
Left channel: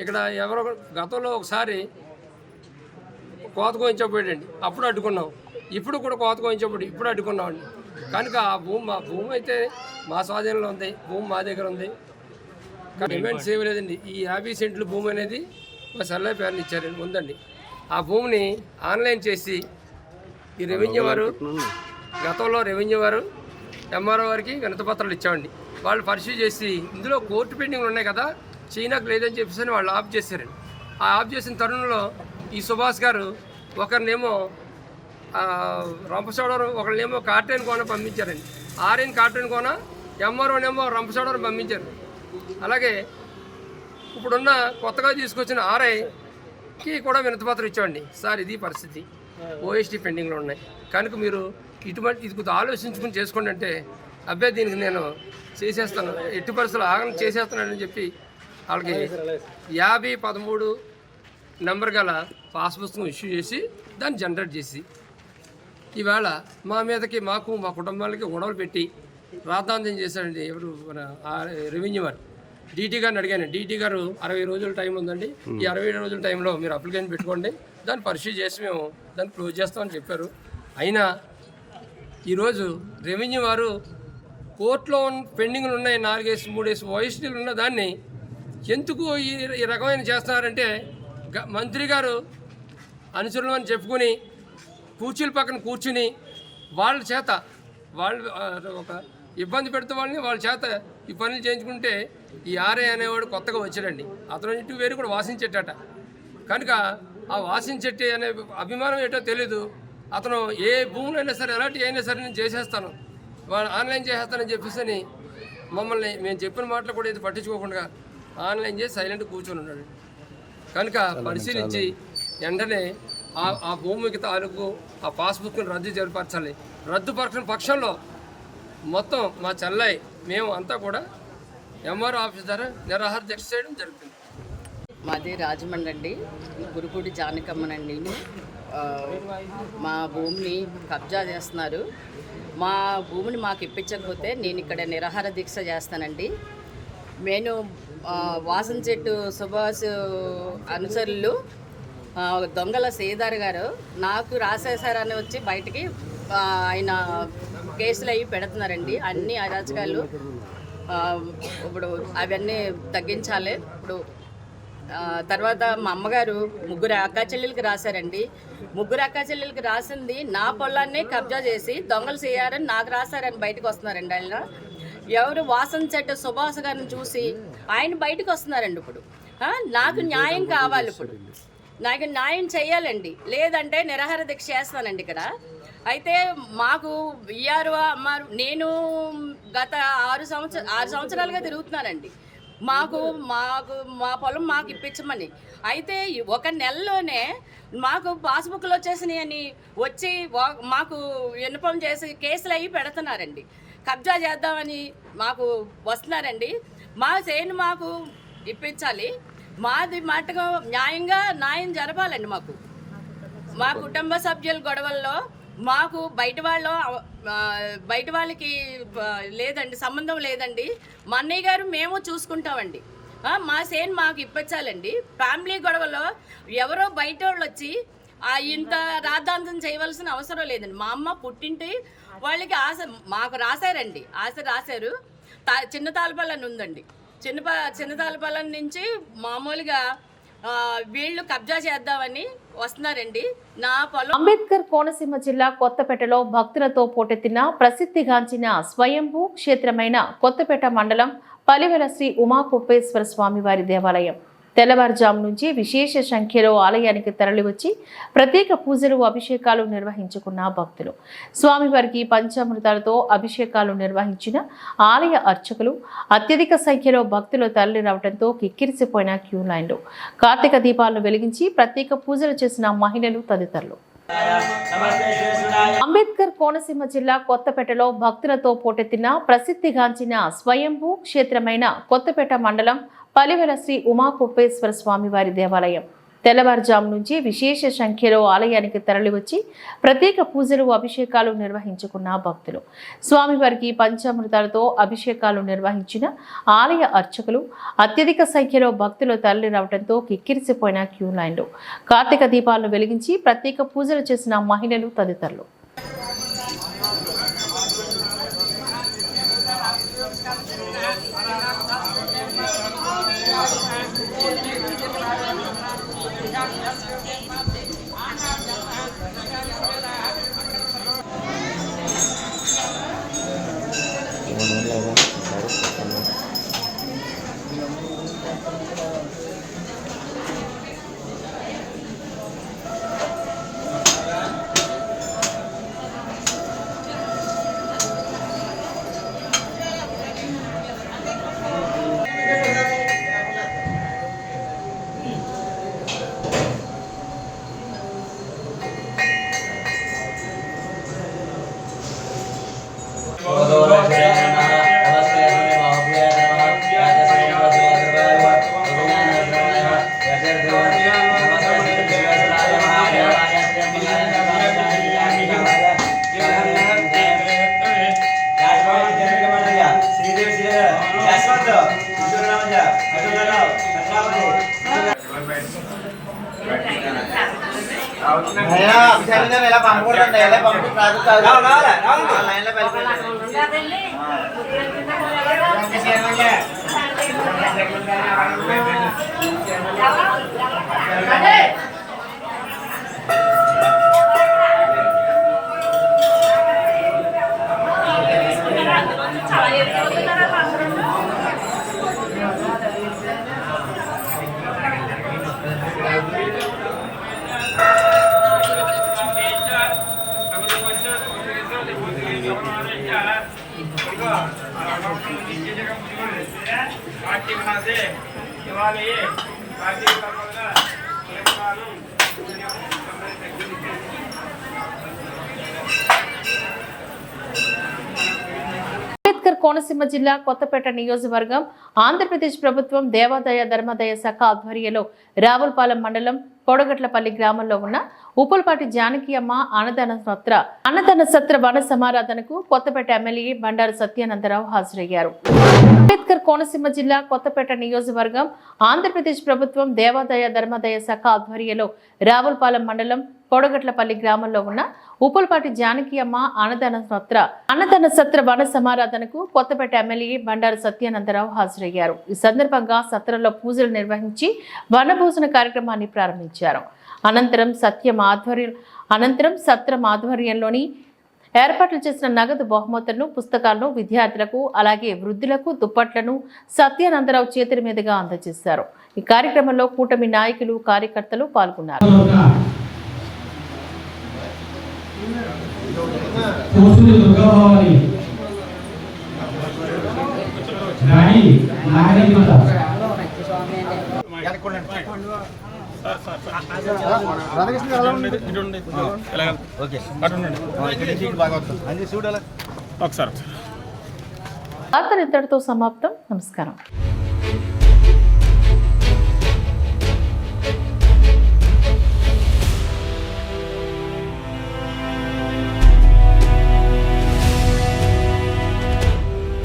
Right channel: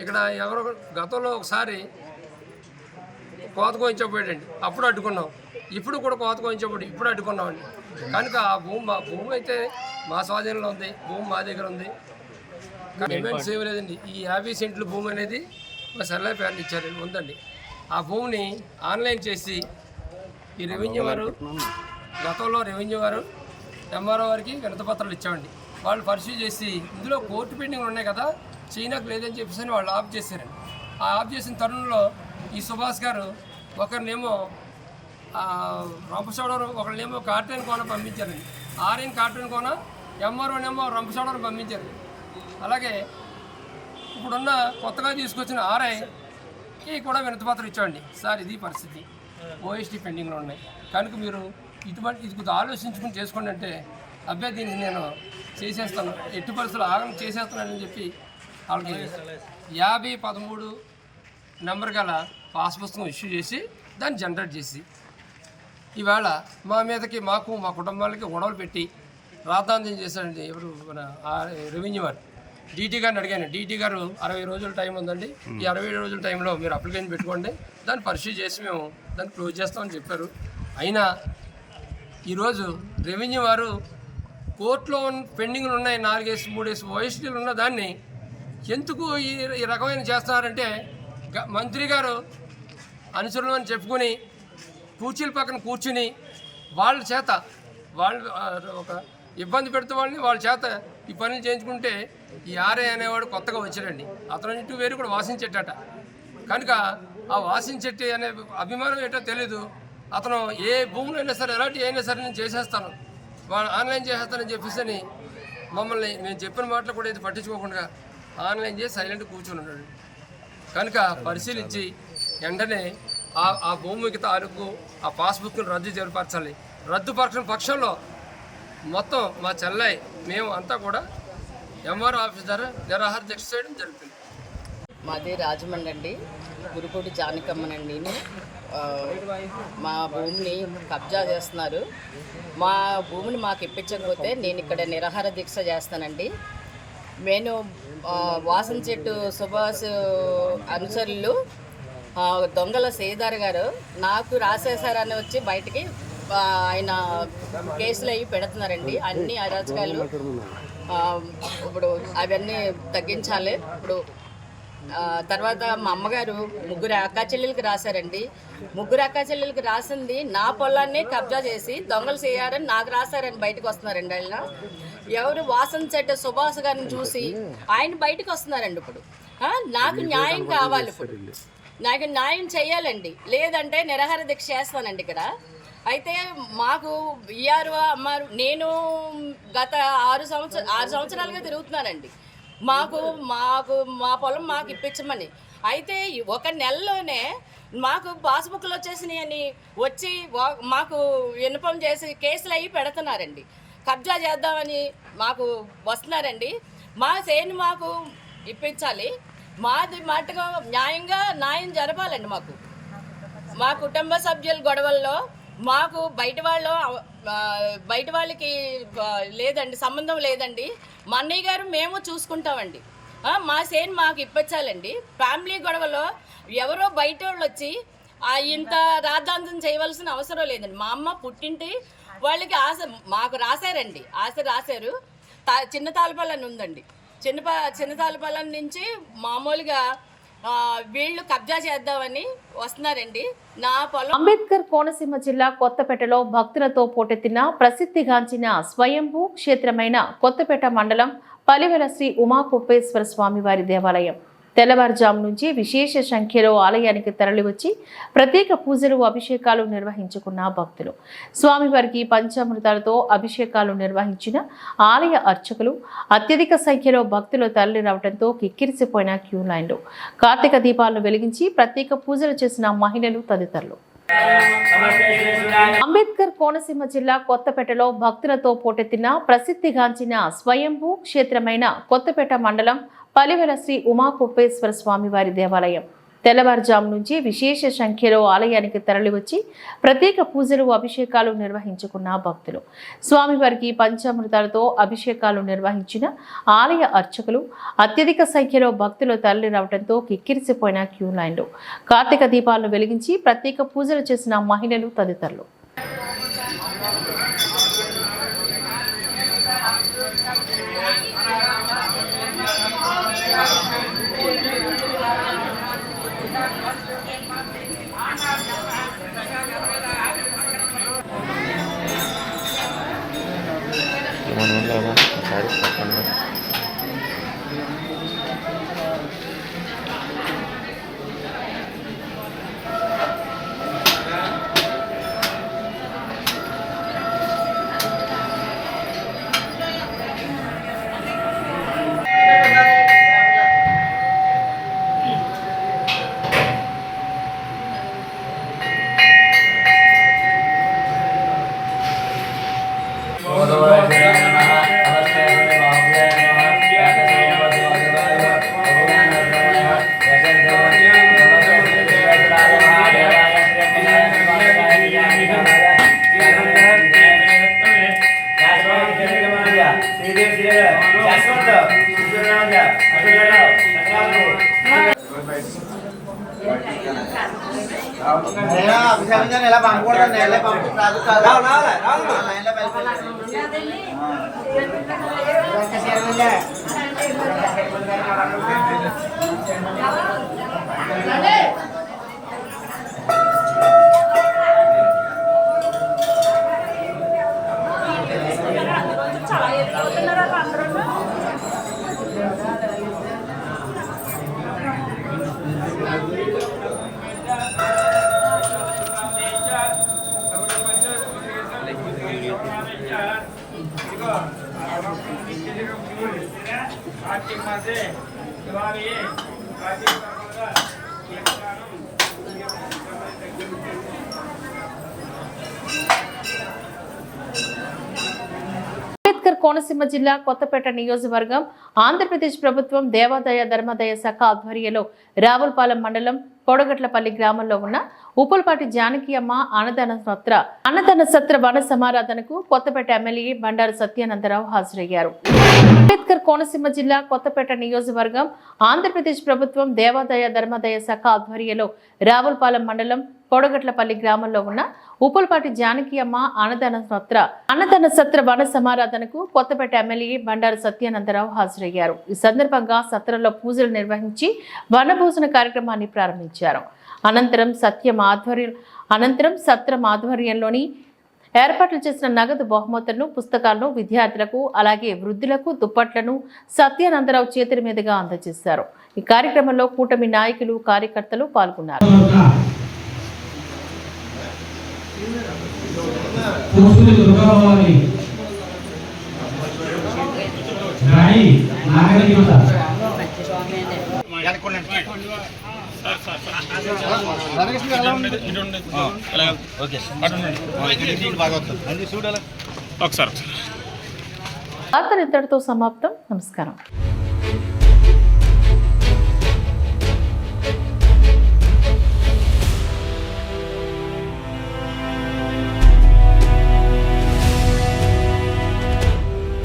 ఇక్కడ ఎవరో గతంలో ఒకసారి కోత కోయించబోయాడండి, అప్పుడు అడ్డుకున్నాం. ఇప్పుడు కూడా కోత కోయించబడి ఇప్పుడు అడ్డుకున్నామండి. కనుక ఆ భూమి అయితే మా స్వాధీనంలో ఉంది, భూమి మా దగ్గర ఉంది, పేమెంట్స్ ఏమీ లేదండి. ఈ 50 సెంట్లు భూమి అనేది మా సర్లే పేరుని ఇచ్చారండి, ఉందండి. ఆ భూమిని ఆన్లైన్ చేసి ఈ రెవెన్యూ వారు గతంలో రెవెన్యూ వారు ఎంఆర్ఓ వారికి వినతిపత్రాలు ఇచ్చామండి. వాళ్ళు పరిశీలి చేసి ఇందులో కోర్టు పెండింగ్లు ఉన్నాయి కదా, చైనాకు లేదని చెప్పేసి వాళ్ళు ఆఫ్ చేశారండి. ఆ ఆఫ్ చేసిన తరుణంలో ఈ సుభాష్ గారు ఒకరినేమో రంపచోడవరం, ఒకళ్ళేమో కార్టైన్ కోన పంపించారండి. ఆర్ఎన్ కార్టైన్ కోన, ఎంఆర్ఓనేమో రంపచోడవరం పంపించారు. అలాగే ఇప్పుడున్న కొత్తగా తీసుకొచ్చిన ఆర్ఐకి కూడా వినతిపత్రం ఇచ్చామండి. సార్ ఇది పరిస్థితి, ఓఎస్టీ పెండింగ్లో ఉన్నాయి కనుక మీరు ఇది కొద్దిగా ఆలోచించుకుని చేసుకోండి అంటే, అబ్బాయి దీనికి నేను చేసేస్తాను, ఎట్టి పరిస్థితులు ఆగం చేసేస్తున్నానని చెప్పి వాళ్ళకి 5013 నెంబర్ గల పాస్ పుస్తకం ఇష్యూ చేసి దాన్ని జనరేట్ చేసి ఈవేళ మా మీదకి మాకు మా కుటుంబాలకి గొడవలు పెట్టి రాద్ధాంతం చేశాడండి. ఎవరు మన రెవెన్యూ వారు డీటీ గారిని అడిగాను. డీటీ గారు 60 రోజుల టైం ఉందండి, ఈ 60 రోజుల టైంలో మీరు అప్లికేషన్ పెట్టుకోండి, దాన్ని పరిశీలి చేసి మేము దాన్ని క్లోజ్ చేస్తామని చెప్పారు. అయినా ఈరోజు రెవెన్యూ వారు కోర్టులో పెండింగ్లు ఉన్నాయి 4-3 ఓఎస్టీలు ఉన్న దాన్ని ఎందుకు ఈ రకమైన చేస్తున్నారంటే, మంత్రి గారు అనుచరులు అని చెప్పుకొని కుర్చీల పక్కన కూర్చుని వాళ్ళ చేత వాళ్ళు ఒక ఇబ్బంది పెడుతూ వాళ్ళని వాళ్ళ చేత ఈ పనులు చేయించుకుంటే, ఈ ఆర్ఏ అనేవాడు కొత్తగా వచ్చాడండి. అతను ఇటు వేరు కూడా వాసించెట్టట కనుక ఆ వాసించెట్టి అనే అభిమానం ఏంటో తెలీదు. అతను ఏ భూములు అయినా సరే ఎలాంటి అయినా సరే నేను చేసేస్తాను, వాళ్ళు ఆన్లైన్ చేసేస్తానని చెప్పేసి మమ్మల్ని మేము చెప్పిన మాటలు కూడా ఇది పట్టించుకోకుండా ఆన్లైన్ చేసి సైలెంట్ కూర్చొని ఉన్నాడు. కనుక పరిశీలించి వెంటనే ఆ భూమికి తాలూకు ఆ పాస్బుక్ను రద్దు జరిపరచాలి. రద్దుపరచిన పక్షంలో మొత్తం మా చెల్లై మేము అంతా కూడా ఎంఆర్ఓ ఆఫీస్ ద్వారా నిరాహార దీక్ష చేయడం జరుగుతుంది. మాది రాజమండ్రి అండి, గురుపూడి జానకమ్మనండి. మా భూమిని కబ్జా చేస్తున్నారు. మా భూమిని మాకు ఇప్పించకపోతే నేను ఇక్కడ నిరాహార దీక్ష చేస్తానండి. నేను వాసన చెట్టు సుభాష్ అనుచరులు దొంగల సేదార్ గారు నాకు రాసేశారని వచ్చి బయటికి ఆయన కేసులు అవి పెడుతున్నారండి. అన్ని అరాచకాలు ఇప్పుడు అవన్నీ తగ్గించాలి. ఇప్పుడు తర్వాత మా అమ్మగారు 3 అక్కా చెల్లెలకి రాశారండి. 3 అక్కా చెల్లెలకి రాసింది నా పొలాన్ని కబ్జా చేసి దొంగలు చేయారని నాకు రాశారని బయటకు వస్తున్నారండి. ఆయన ఎవరు వాసన చెట్టు సుభాష్ గారిని చూసి ఆయన బయటకు వస్తున్నారండి. ఇప్పుడు నాకు న్యాయం కావాలి, ఇప్పుడు నాకు న్యాయం చేయాలండి, లేదంటే నిరాహార దీక్ష చేస్తానండి ఇక్కడ. అయితే మాకు విఆర్ఓ అమ్మారు, నేను గత 6 సంవత్సరాలుగా తిరుగుతున్నానండి. మాకు మా పొలం మాకు ఇప్పించమని. అయితే 1 నెలలోనే మాకు పాస్బుక్లు వచ్చేసినాయని వచ్చి మాకు విన్నపం చేసి కేసులు అవి పెడుతున్నారండి. కబ్జా చేద్దామని మాకు వస్తున్నారండి. మా చేను మాకు ఇప్పించాలి, మాది మట్టుగా న్యాయం జరపాలండి. మా కుటుంబ సభ్యుల గొడవల్లో మాకు బయట వాళ్ళకి లేదండి, సంబంధం లేదండి. మా అన్నయ్య గారు మేము చూసుకుంటామండి. మా సేన్ మాకు ఇప్పించాలండి. ఫ్యామిలీ గొడవలో ఎవరో బయట వాళ్ళు వచ్చి ఇంత రాద్ధాంతం చేయవలసిన అవసరం లేదండి. మా అమ్మ పుట్టింటి వాళ్ళకి ఆశ మాకు రాశారండి, ఆశ రాశారు. చిన్న తాళపల్లని ఉందండి, చిన్న తాళపల్లం నుంచి మామూలుగా వీళ్ళు కబ్జా చేద్దామని వస్తున్నారండి నా పొలం. అంబేద్కర్ కోనసీమ జిల్లా కొత్తపేటలో భక్తులతో పోటెత్తిన ప్రసిద్ధిగాంచిన స్వయంభూ క్షేత్రమైన కొత్తపేట మండలం పలివెల శ్రీ ఉమాకుప్పేశ్వర స్వామివారి దేవాలయం తెల్లవారుజాము నుంచి విశేష సంఖ్యలో ఆలయానికి తరలివచ్చి ప్రత్యేక పూజలు అభిషేకాలు నిర్వహించుకున్న భక్తులు. స్వామివారికి పంచామృతాలతో అభిషేకాలు నిర్వహించిన ఆలయ అర్చకులు అత్యధిక సంఖ్యలో భక్తులు తరలి రావడంతో కిక్కిరిసిపోయిన క్యూ లైన్లు. కార్తీక దీపాలను వెలిగించి ప్రత్యేక పూజలు చేసిన మహిళలు తదితరులు. అంబేద్కర్ కోనసీమ జిల్లా కొత్తపేటలో భక్తులతో పోటెత్తిన ప్రసిద్ధిగాంచిన స్వయంభూ క్షేత్రమైన కొత్తపేట మండలం పలివెల శ్రీ ఉమాకుప్పేశ్వర స్వామివారి దేవాలయం తెల్లవారుజాము నుంచి విశేష సంఖ్యలో ఆలయానికి తరలివచ్చి ప్రత్యేక పూజలు అభిషేకాలు నిర్వహించుకున్న భక్తులు. స్వామివారికి పంచామృతాలతో అభిషేకాలు నిర్వహించిన ఆలయ అర్చకులు అత్యధిక సంఖ్యలో భక్తులు తరలి రావడంతో కిక్కిరిసిపోయిన క్యూ లైన్లు. కార్తీక దీపాలను వెలిగించి ప్రత్యేక పూజలు చేసిన మహిళలు తదితరులు. అంబేద్కర్ కోనసీమ జిల్లా కొత్తపేట నియోజకవర్గం ఆంధ్రప్రదేశ్ ప్రభుత్వం దేవాదాయ ధర్మాదాయ శాఖ ఆధ్వర్యంలో రావులపాలెం మండలం పొడగట్లపల్లి గ్రామంలో ఉన్న ఉప్పులపాటి జానకి అమ్మ అన్నదాన సత్ర వన సమారాధనకు కొత్తపేట ఎమ్మెల్యే బండారు సత్యానందరావు హాజరయ్యారు. అంబేద్కర్ కోనసీమ జిల్లా కొత్తపేట నియోజకవర్గం ఆంధ్రప్రదేశ్ ప్రభుత్వం దేవాదాయ ధర్మాదాయ శాఖ ఆధ్వర్యంలో రావులపాలెం మండలం పొడగట్లపల్లి గ్రామంలో ఉన్న ఉప్పులపాటి జానకి అమ్మ అన్నదాన సత్ర వన సమారాధనకు కొత్తపేట ఎమ్మెల్యే బండారు సత్యానందరావు హాజరయ్యారు. ఈ సందర్భంగా సత్రంలో పూజలు నిర్వహించి వనభోజన కార్యక్రమాన్ని ప్రారంభించారు. అనంతరం సత్రం ఆధ్వర్యంలోని ఏర్పాట్లు చేసిన నగదు బహుమతులను, పుస్తకాలను విద్యార్థులకు అలాగే వృద్ధులకు దుప్పట్లను సత్యానందరావు చేతుల మీదుగా అందజేశారు. ఈ కార్యక్రమంలో కూటమి నాయకులు, కార్యకర్తలు పాల్గొన్నారు. వార్తలు ఇంతటితో సమాప్తం. నమస్కారం.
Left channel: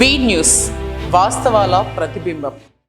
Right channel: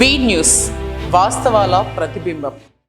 బీ న్యూస్, వాస్తవాల ప్రతిబింబం.